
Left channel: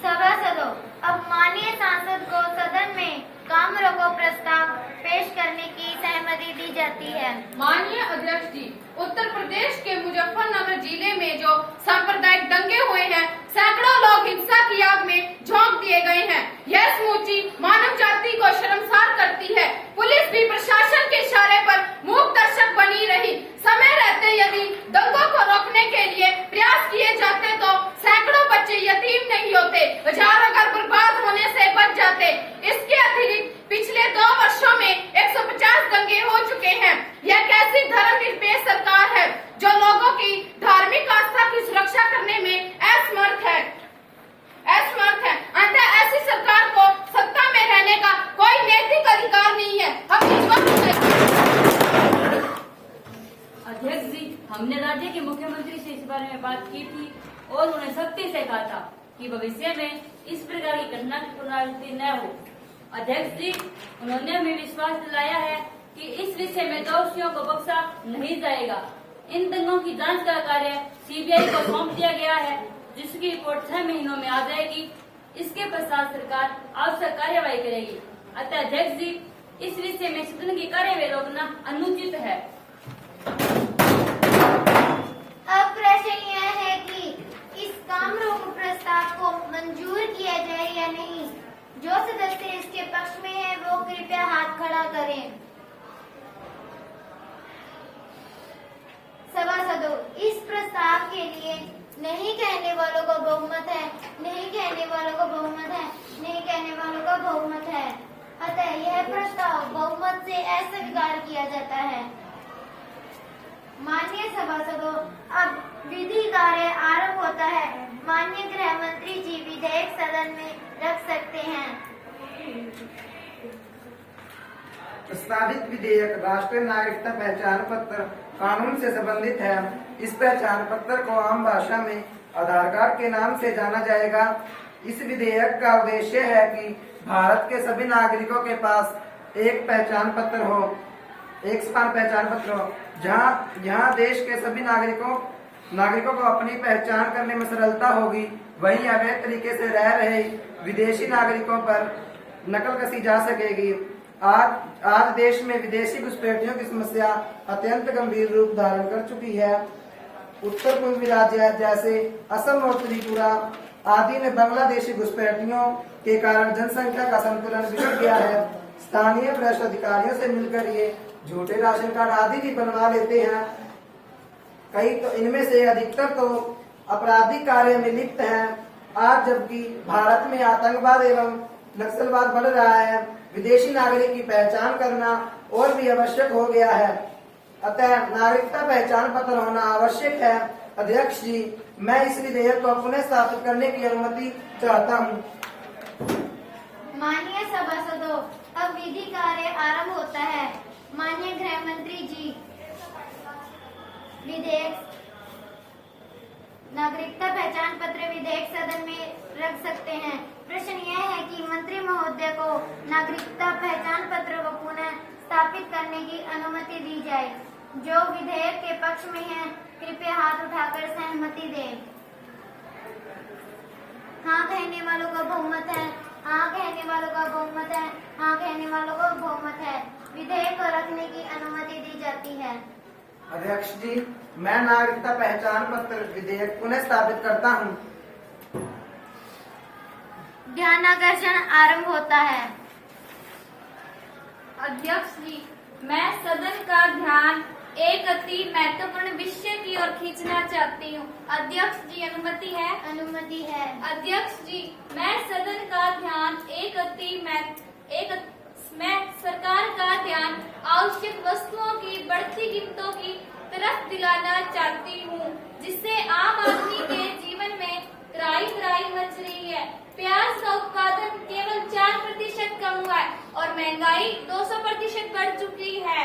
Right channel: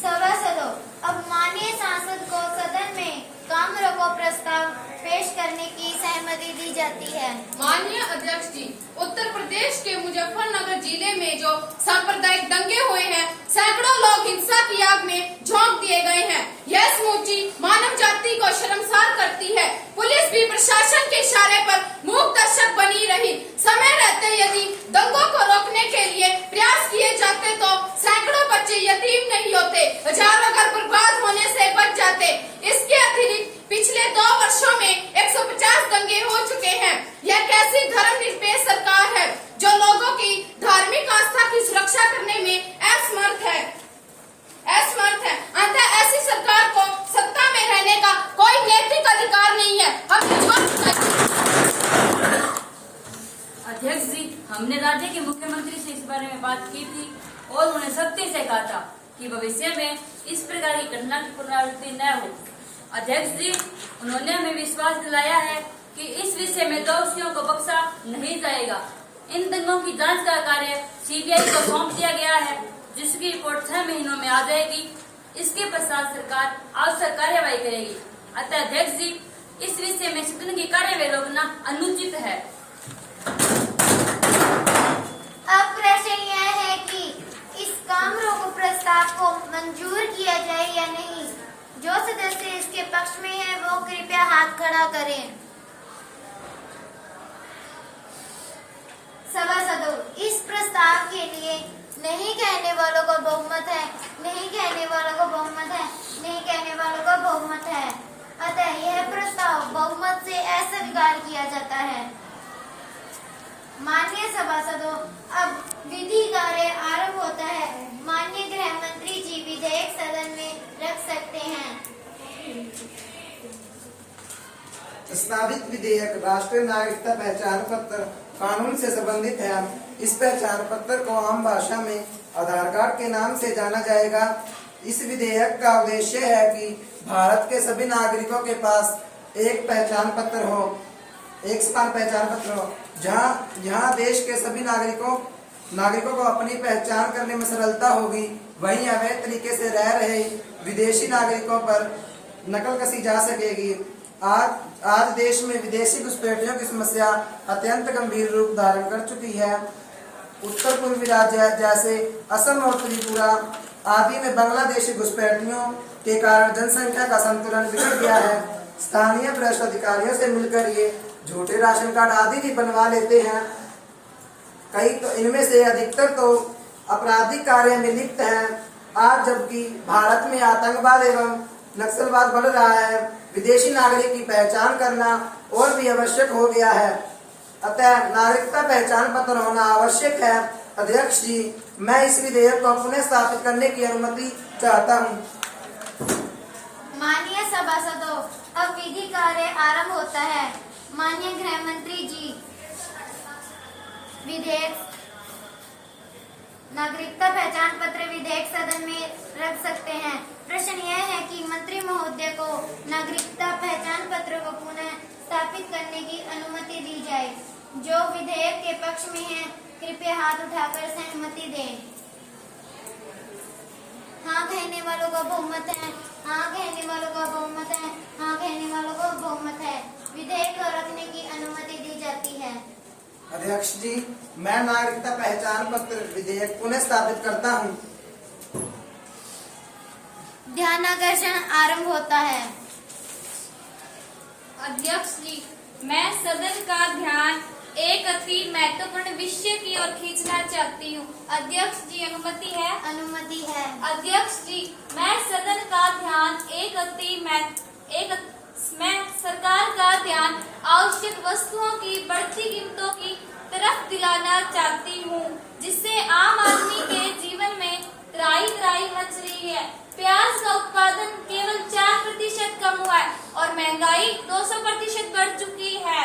सभासदों, अब माननीय सांसद को सदन में काम रोको प्रस्ताव पेश करने की सहमति दी जाती है। माननीय अध्यक्ष जी, उत्तर प्रदेश के मुजफ्फरनगर जिले में जो सांप्रदायिक दंगे हुए हैं, सैकड़ों लोग हिंसा की आग में झोंक दिए गए हैं। यह समूची मानव जाति को शर्मसार करती है। पुलिस भी प्रशासन के इशारे पर मूक दर्शक बनी रही। समय रहते यदि दंगों को रोकने के लिए प्रयास किए जाते तो सैकड़ों बच्चे यतीम नहीं होते, हजारों घर बर्बाद होने से बच जाते। इसके अतिरिक्त पिछले 2 वर्षों में 150 दंगे हो चुके हैं। यह कैसी धर्मनिरपेक्ष सरकार है जो लोगों की धार्मिक आस्था की सुरक्षा करने में असमर्थ है? की थी और उन्हें सख्ती से कहा था कि भविष्य में इस प्रकार की घटना की पुनरावृत्ति न हो। अध्यक्ष जी, उन्होंने हमें विश्वास दिलाया है कि इस विषय में दोषियों को बख्शा नहीं जाएगा। इन दंगों की जांच का कार्य सीबीआई को सौंप दिया गया है, जिसकी रिपोर्ट 6 महीनों में आ जाएगी। इसके पश्चात सरकार आवश्यक कार्यवाही करेगी। अतः अध्यक्ष जी, इस विषय में सदन की कार्यवाही रोकना अनुचित है। अब प्रश्न यह है कि इस काम रोक प्रस्ताव को मंजूर किया जाए या नहीं। जो सदस्य इसके पक्ष में है वो कृपया हाथ खड़ा करें। सभासदों, इस प्रस्ताव के लिए नहीं कहने वालों को बहुमत है, नहीं कहने वालों को बहुमत है, नहीं कहने वालों को बहुमत है। अतः यह प्रस्ताव बहुमत से अस्वीकार किया जाता है। माननीय सभासदों, अब विधि कार्य आरंभ होता है। माननीय गृह मंत्री जी विधेयक सदन में रख सकते हैं। प्रस्तावित विधेयक राष्ट्रीय नागरिकता पहचान पत्र कानून से संबंधित है। इस पहचान पत्र को आम भाषा में आधार कार्ड के नाम से जाना जाएगा। इस विधेयक का उद्देश्य है कि भारत के सभी नागरिकों के पास एक पहचान पत्र हो, एक समान पहचान पत्र हो, जहां देश के सभी नागरिकों को अपनी पहचान करने में सरलता होगी। वहीं अवैध तरीके से रह रहे विदेशी नागरिकों पर नकल कसी जा सकेगी। आज देश में विदेशी घुसपैठियों की समस्या अत्यंत गंभीर रूप धारण कर चुकी है। उत्तर पूर्वी राज्य जैसे असम और त्रिपुरा आदि में बांग्लादेशी घुसपैठियों के कारण जनसंख्या का संतुलन बिगड़ गया है। स्थानीय भ्रष्ट अधिकारियों से मिलकर ये झूठे राशन कार्ड आदि भी बनवा लेते हैं। कई तो इनमें से अधिकतर तो आपराधिक कार्य में लिप्त हैं। आज जबकि भारत में आतंकवाद एवं नक्सलवाद बढ़ रहा है, विदेशी नागरिक की पहचान करना और भी आवश्यक हो गया है। अतः नागरिकता पहचान पत्र होना आवश्यक है। अध्यक्ष जी, मैं इस विधेयक को पुनः स्थापित करने की अनुमति चाहता हूँ। माननीय सभासदों, अब विधि कार्य आरंभ होता है। माननीय गृह मंत्री जी विधेयक नागरिकता पहचान पत्र विधेयक सदन में रख सकते हैं। प्रश्न यह है कि मंत्री महोदय को नागरिकता पहचान पत्र को पुनः स्थापित करने की अनुमति दी जाए। जो विधेयक के पक्ष में है कृपया हाथ उठाकर सहमति दें। हाँ कहने वालों का बहुमत है, हाँ कहने वालों का बहुमत है, हाँ कहने वालों का बहुमत है। विधेयक को रखने की अनुमति दी जाती है। अध्यक्ष जी, मैं नागरिकता पहचान पत्र विधेयक पुनः स्थापित करता हूँ। ध्यानाकर्षण आरंभ होता है। अध्यक्ष जी, मैं सदन का ध्यान एक अति महत्वपूर्ण विषय की ओर खींचना चाहती हूँ। अध्यक्ष जी, अनुमति है? अनुमति है। अध्यक्ष जी, मैं सदन का ध्यान मैं सरकार का ध्यान आवश्यक वस्तुओं की बढ़ती कीमतों की तरफ दिलाना चाहती हूँ, जिससे आम आदमी के जीवन में त्राही मच रही है। प्याज का उत्पादन केवल 4% कम हुआ है और महंगाई 200% बढ़ चुकी है।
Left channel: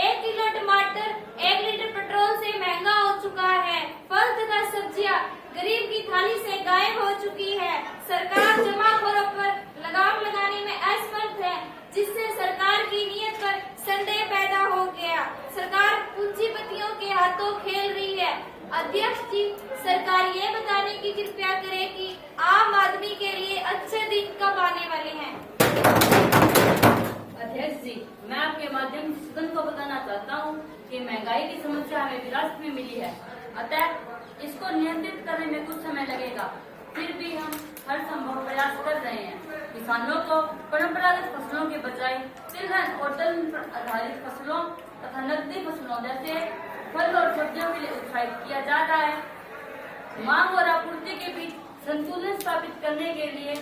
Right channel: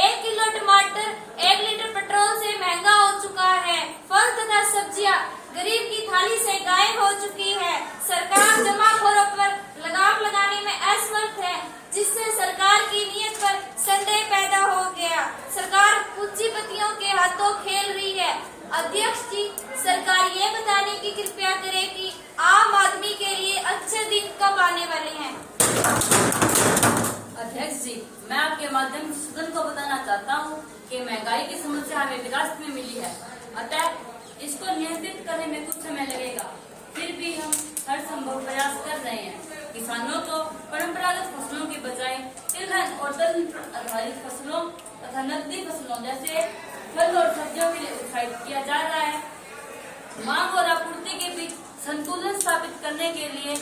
1 किलो टमाटर 1 लीटर पेट्रोल से महंगा हो चुका है। फल तथा सब्जियां गरीब की थाली से गायब हो चुकी है। सरकार जमाखोरों पर लगाम लगाने में असमर्थ है, जिससे सरकार की नीयत पर संदेह पैदा हो गया। सरकार पूंजीपतियों के हाथों खेल रही है। अध्यक्ष जी, सरकार ये बताने की कृपया करे कि आम आदमी के लिए अच्छे दिन कब आने वाले हैं। अध्यक्ष जी, मैं आपके माध्यम से सदन को बताना चाहता हूँ कि महंगाई की समस्या हमें विरासत में मिली है। अतः इसको नियंत्रित करने में कुछ समय लगेगा, फिर भी हम हर संभव प्रयास कर रहे हैं। किसानों को परंपरागत फसलों के बजाय तिलहन और तंत्र आधारित फसलों तथा नकदी फसलों जैसे फल और सब्जियों के लिए उत्साहित किया जा रहा है। मांग और आपूर्ति के बीच संतुलन स्थापित करने के लिए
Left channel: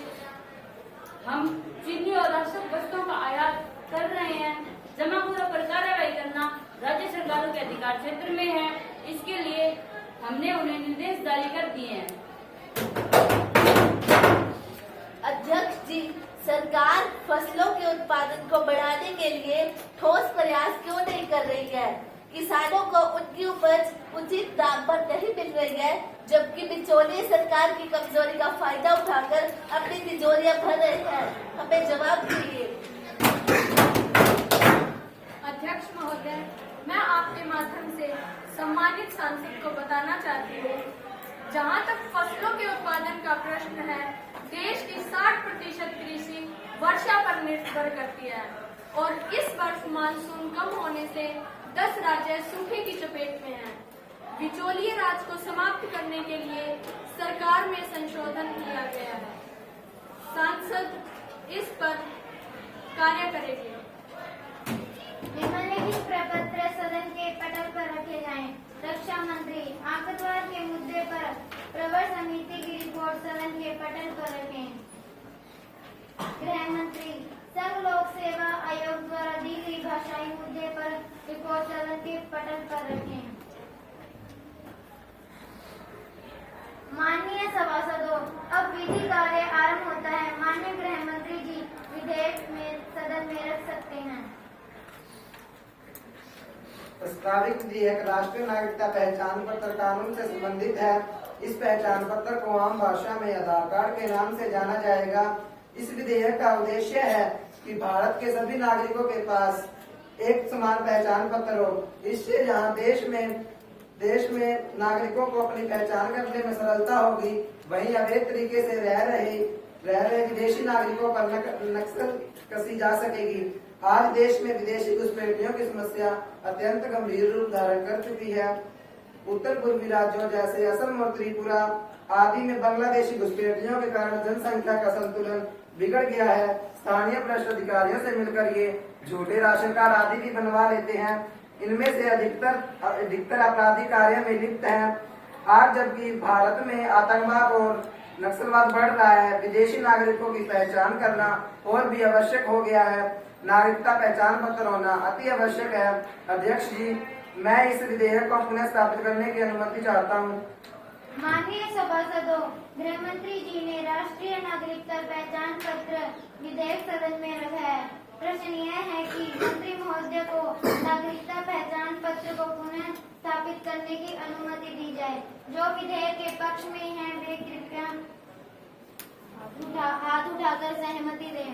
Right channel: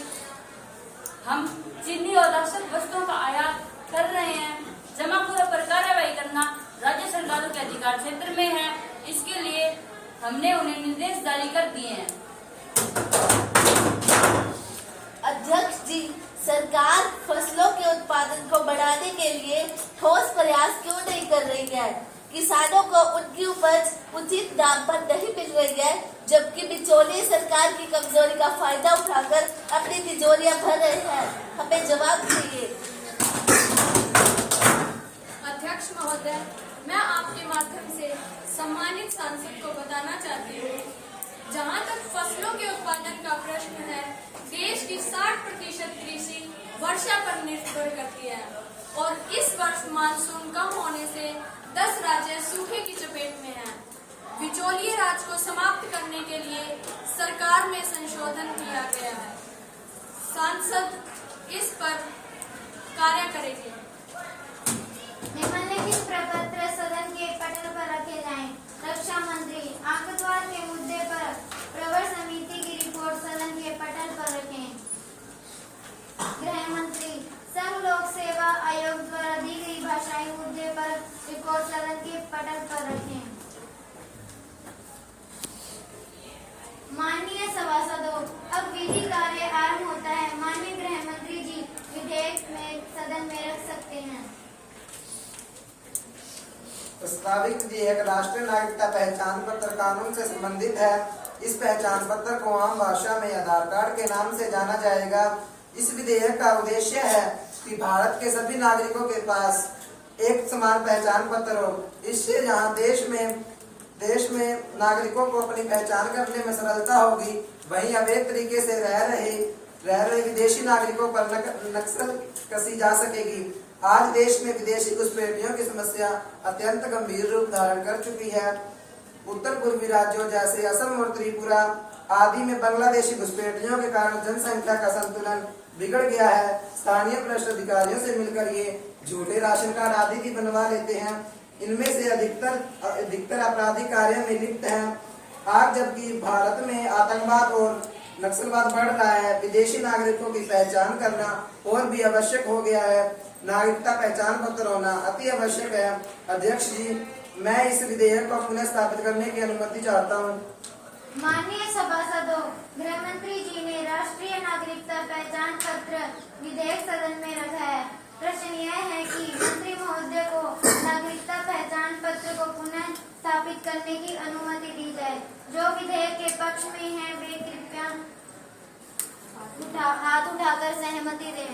हम चीनी और आवश्यक वस्तुओं का आयात कर रहे हैं। जमाखोरों पर कार्रवाई करना राज्य सरकारों के अधिकार क्षेत्र में है। इसके लिए हमने उन्हें निर्देश जारी कर दिए हैं। अध्यक्ष जी, सरकार फसलों के उत्पादन को बढ़ाने के लिए ठोस प्रयास क्यों नहीं कर रही है? किसानों को उनकी उपज उचित दाम पर नहीं मिल रही है, जबकि बिचौलिए सरकार की कमजोरी का फायदा उठाकर अपनी तिजोरियां भर रहे हैं। हमें जवाब चाहिए। अध्यक्ष महोदय, मैं आपके माध्यम से सम्मानित सांसद को बताना चाहती हूँ, जहाँ तक फसलों के उत्पादन का प्रश्न है, देश की 60% कृषि वर्षा पर निर्भर करती है और इस वर्ष मानसून कम होने से 10 राज्य सूखे की चपेट में हैं। बिचौलिए राज को समाप्त करने के लिए सरकार में संशोधन किया गया है। सांसद इस पर कार्य करेंगे। निम्नलिखित प्रपत्र सदन के पटल पर रखे जाएं। रक्षा मंत्री आतंकवाद के मुद्दे पर प्रवर समिति की रिपोर्ट सदन के पटल पर रखें। गृह मंत्री संघ लोक सेवा आयोग द्वारा दी गई भाषाई मुद्दे पर रिपोर्ट सदन के पटल पर रखें। माननीय सभासदों, अब विधि कार्य आरंभ होता है। माननीय गृह मंत्री जी विधेयक में सदन में रख सकते हैं। प्रस्तावित विधेयक राष्ट्रीय नागरिकता पहचान पत्र कानून से संबंधित है। इस पहचान पत्र को आम भाषा में आधार कार्ड के नाम से जाना जाएगा। इस विधेयक का उद्देश्य है कि भारत के सभी नागरिकों के पास एक समान पहचान पत्र हो। इससे जहां देश में नागरिकों को अपनी पहचान करने में सरलता होगी, वहीं अवैध तरीके से रह रहे विदेशी नागरिकों पर नक्सल कसी जा सकेगी। आज देश में विदेशी घुसपैठियों की समस्या अत्यंत गंभीर रूप धारण कर चुकी है। उत्तर पूर्वी राज्यों जैसे असम और त्रिपुरा आदि में बांग्लादेशी घुसपैठियों के कारण जनसंख्या का संतुलन बिगड़ गया है। स्थानीय भ्रष्ट अधिकारियों से मिलकर ये झूठे राशन कार्ड आदि भी बनवा लेते हैं। इनमें से अधिकतर आपराधिक कार्य में लिप्त हैं। आज जबकि भारत में आतंकवाद और नक्सलवाद बढ़ रहा है, विदेशी नागरिकों की पहचान करना और भी आवश्यक हो गया है। नागरिकता पहचान पत्र होना अति आवश्यक है। अध्यक्ष जी, मैं इस विधेयक को पुनः स्थापित करने की अनुमति चाहता हूँ। माननीय सभासदों, गृह मंत्री जी ने राष्ट्रीय नागरिकता पहचान पत्र विधेयक सदन में रखा है। प्रश्न यह है कि मंत्री महोदय को नागरिकता पहचान पत्र को पुनः स्थापित करने की अनुमति दी जाए। जो विधेयक के पक्ष में हैं, वे कृपया हाथ उठाकर सहमति दें।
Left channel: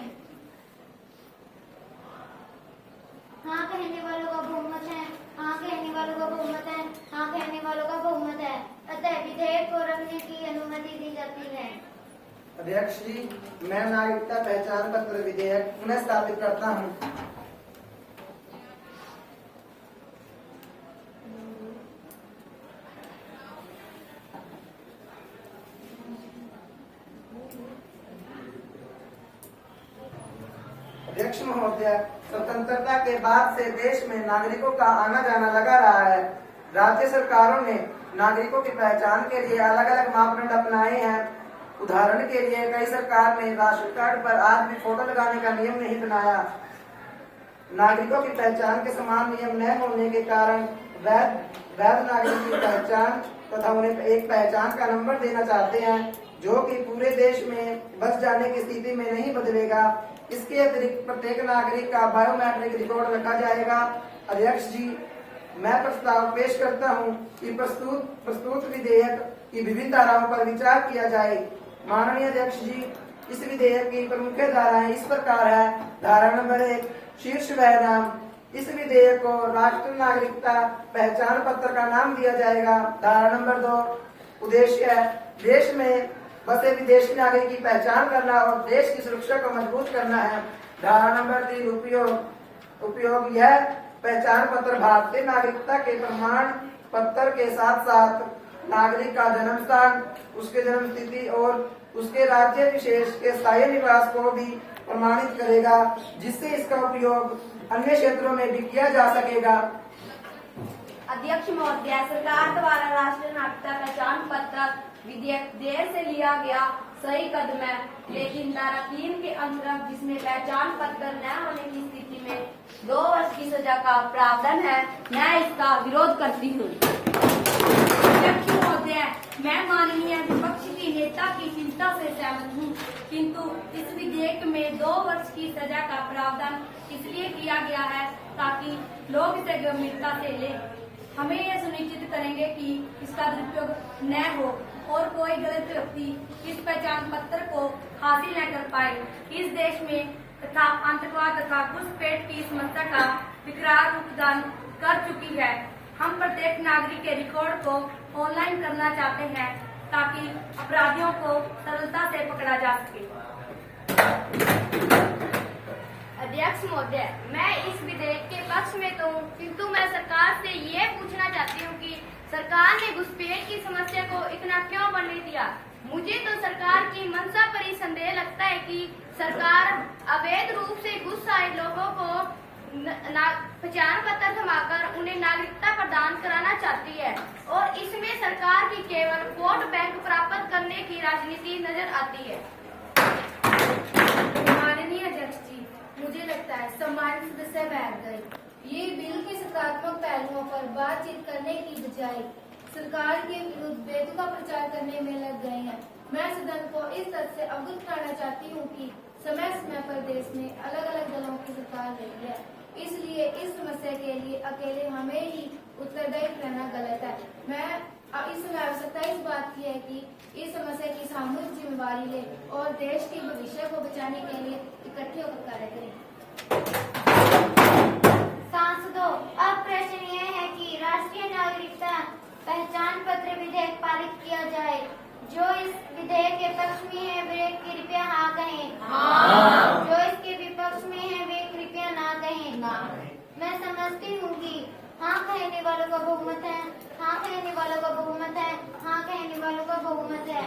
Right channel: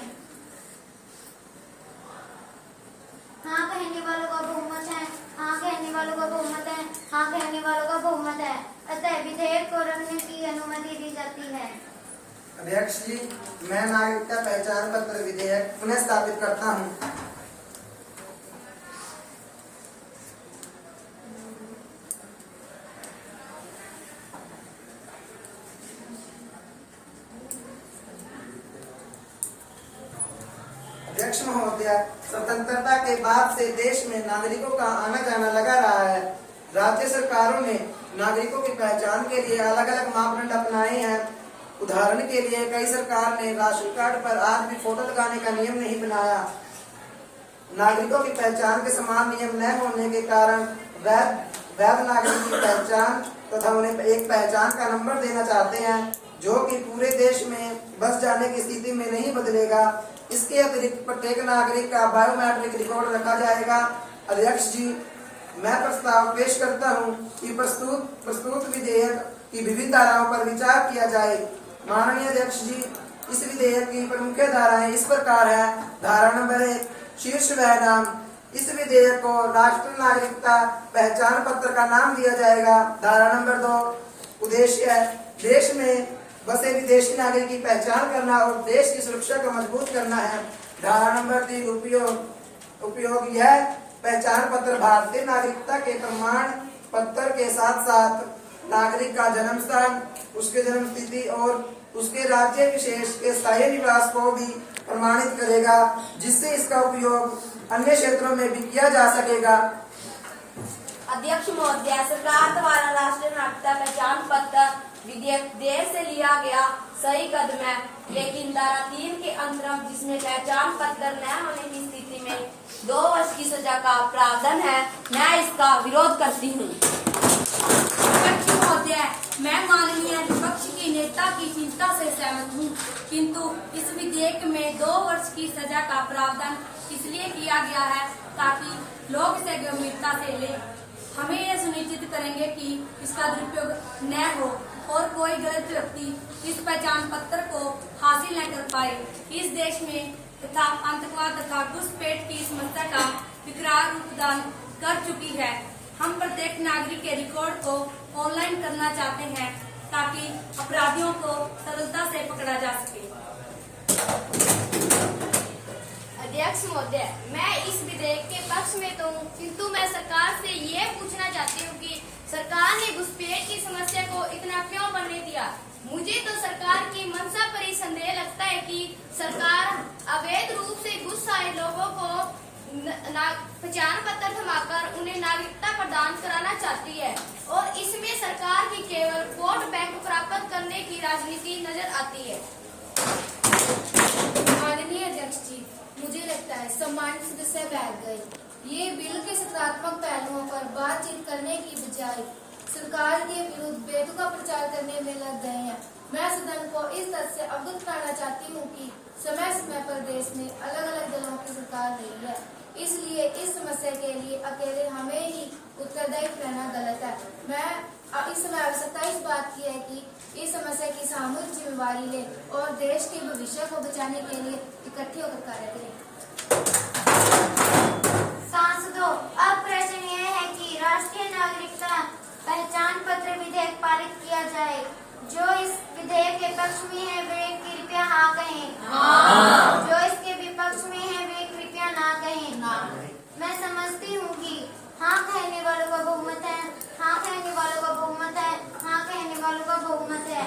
हाँ कहने वालों का बहुमत है। हाँ कहने वालों का बहुमत है। हाँ कहने वालों का बहुमत है। अतः विधेयक को रखने की अनुमति दी जाती है। अध्यक्ष जी, मैं नागरिकता पहचान पत्र विधेयक पुनः स्थापित करता हूँ। अध्यक्ष महोदय, स्वतंत्रता के बाद से देश में नागरिकों का आना जाना लगा रहा है। राज्य सरकारों ने नागरिकों की पहचान के लिए अलग अलग मापदंड अपनाए हैं। उदाहरण के लिए कई सरकार ने राशन कार्ड पर आज भी फोटो लगाने का नियम नहीं बनाया। नागरिकों की पहचान के समान नियम न होने के कारण वैध नागरिक की पहचान तथा उन्हें एक पहचान का नंबर देना चाहते हैं, जो कि पूरे देश में बस जाने की स्थिति में नहीं बदलेगा। इसके अतिरिक्त प्रत्येक नागरिक का बायोमेट्रिक रिकॉर्ड रखा जाएगा। अध्यक्ष जी, मैं प्रस्ताव पेश करता हूं कि प्रस्तुत विधेयक की विभिन्न धाराओं पर विचार किया जाए। माननीय अध्यक्ष जी, इस विधेयक की प्रमुख धाराएं इस प्रकार है। धारा नंबर 1, शीर्ष वह नाम। इस विधेयक को राष्ट्रीय नागरिकता पहचान पत्र का नाम दिया जाएगा। धारा नंबर 2, उद्देश्य है देश में बसे विदेशी नागरिक की पहचान करना और देश की सुरक्षा को मजबूत करना है। धारा नंबर 3, उपयोग यह पहचान पत्र भारतीय नागरिकता के प्रमाण पत्र के साथ साथ नागरिक का जन्म स्थान, उसके जन्म तिथि और उसके राज्य विशेष के स्थायी निवास को भी प्रमाणित करेगा, जिससे इसका उपयोग अन्य क्षेत्रों में भी किया जा सकेगा। अध्यक्ष महोदय, सरकार द्वारा राष्ट्रीय नागरिकता पहचान पत्र विधेयक देर से लिया गया सही कदम है, लेकिन धारा 3 के अंतर्गत जिसमें पहचान पत्र न होने की स्थिति में 2 वर्ष की सजा का प्रावधान है, मैं इसका विरोध करती हूँ। अध्यक्ष महोदय, मैं माननीय विपक्ष की नेता की चिंता से सहमत हूँ, किंतु इस विधेयक में 2 वर्ष की सजा का प्रावधान इसलिए किया गया है ताकि लोग इसे गंभीरता से लें। हमें यह सुनिश्चित करेंगे कि इसका दुरुपयोग न हो और कोई गलत व्यक्ति इस पहचान पत्र को हासिल न कर पाए। इस देश में तथा आतंकवाद तथा घुसपैठ की समस्या का विकराल रूप धारण कर चुकी है। हम प्रत्येक नागरिक के रिकॉर्ड को ऑनलाइन करना चाहते हैं ताकि अपराधियों को सरलता से पकड़ा जा सके। अध्यक्ष महोदय, मैं इस विधेयक के पक्ष में तो हूँ, किंतु मैं सरकार से ये पूछना चाहती हूँ कि सरकार ने घुसपैठ की समस्या को इतना क्यों बढ़ने दिया। मुझे तो सरकार की मंशा पर ही संदेह लगता है कि सरकार अवैध रूप से घुस आए लोगों को पहचान पत्र थमाकर उन्हें नागरिकता प्रदान कराना चाहती है और इसमें सरकार की केवल वोट बैंक प्राप्त करने की राजनीति नजर आती है। माननीय अध्यक्ष जी, मुझे लगता है सम्मानित सदस्य बैठ गए। ये बिल के सकारात्मक पहलुओं पर बातचीत करने की बजाय सरकार के विरुद्ध बेतुका प्रचार करने में लग गए हैं। मैं सदन को इस तथ्य से अवगत कराना चाहती हूँ कि समय समय पर देश में अलग अलग दलों की सरकार रही है, इसलिए इस समस्या के लिए अकेले हमें ही उत्तरदायी रहना गलत है। मैं इस समय आवश्यकता इस बात की है कि इस समस्या की सामूहिक जिम्मेवारी ले और देश के भविष्य को बचाने के लिए इकट्ठे होकर कार्य करें। सांसदों, अब प्रश्न ये है कि राष्ट्रीय नागरिकता पहचान पत्र विधेयक पारित किया जाए। जो इस विधेयक के पक्ष में है वे कृपया हाँ कहें। जो इसके विपक्ष में है वे कृपया ना कहें। मैं समझती हूँ कि हाँ कहने वालों का बहुमत है, हाँ कहने वालों का बहुमत है, हाँ कहने वालों का बहुमत है।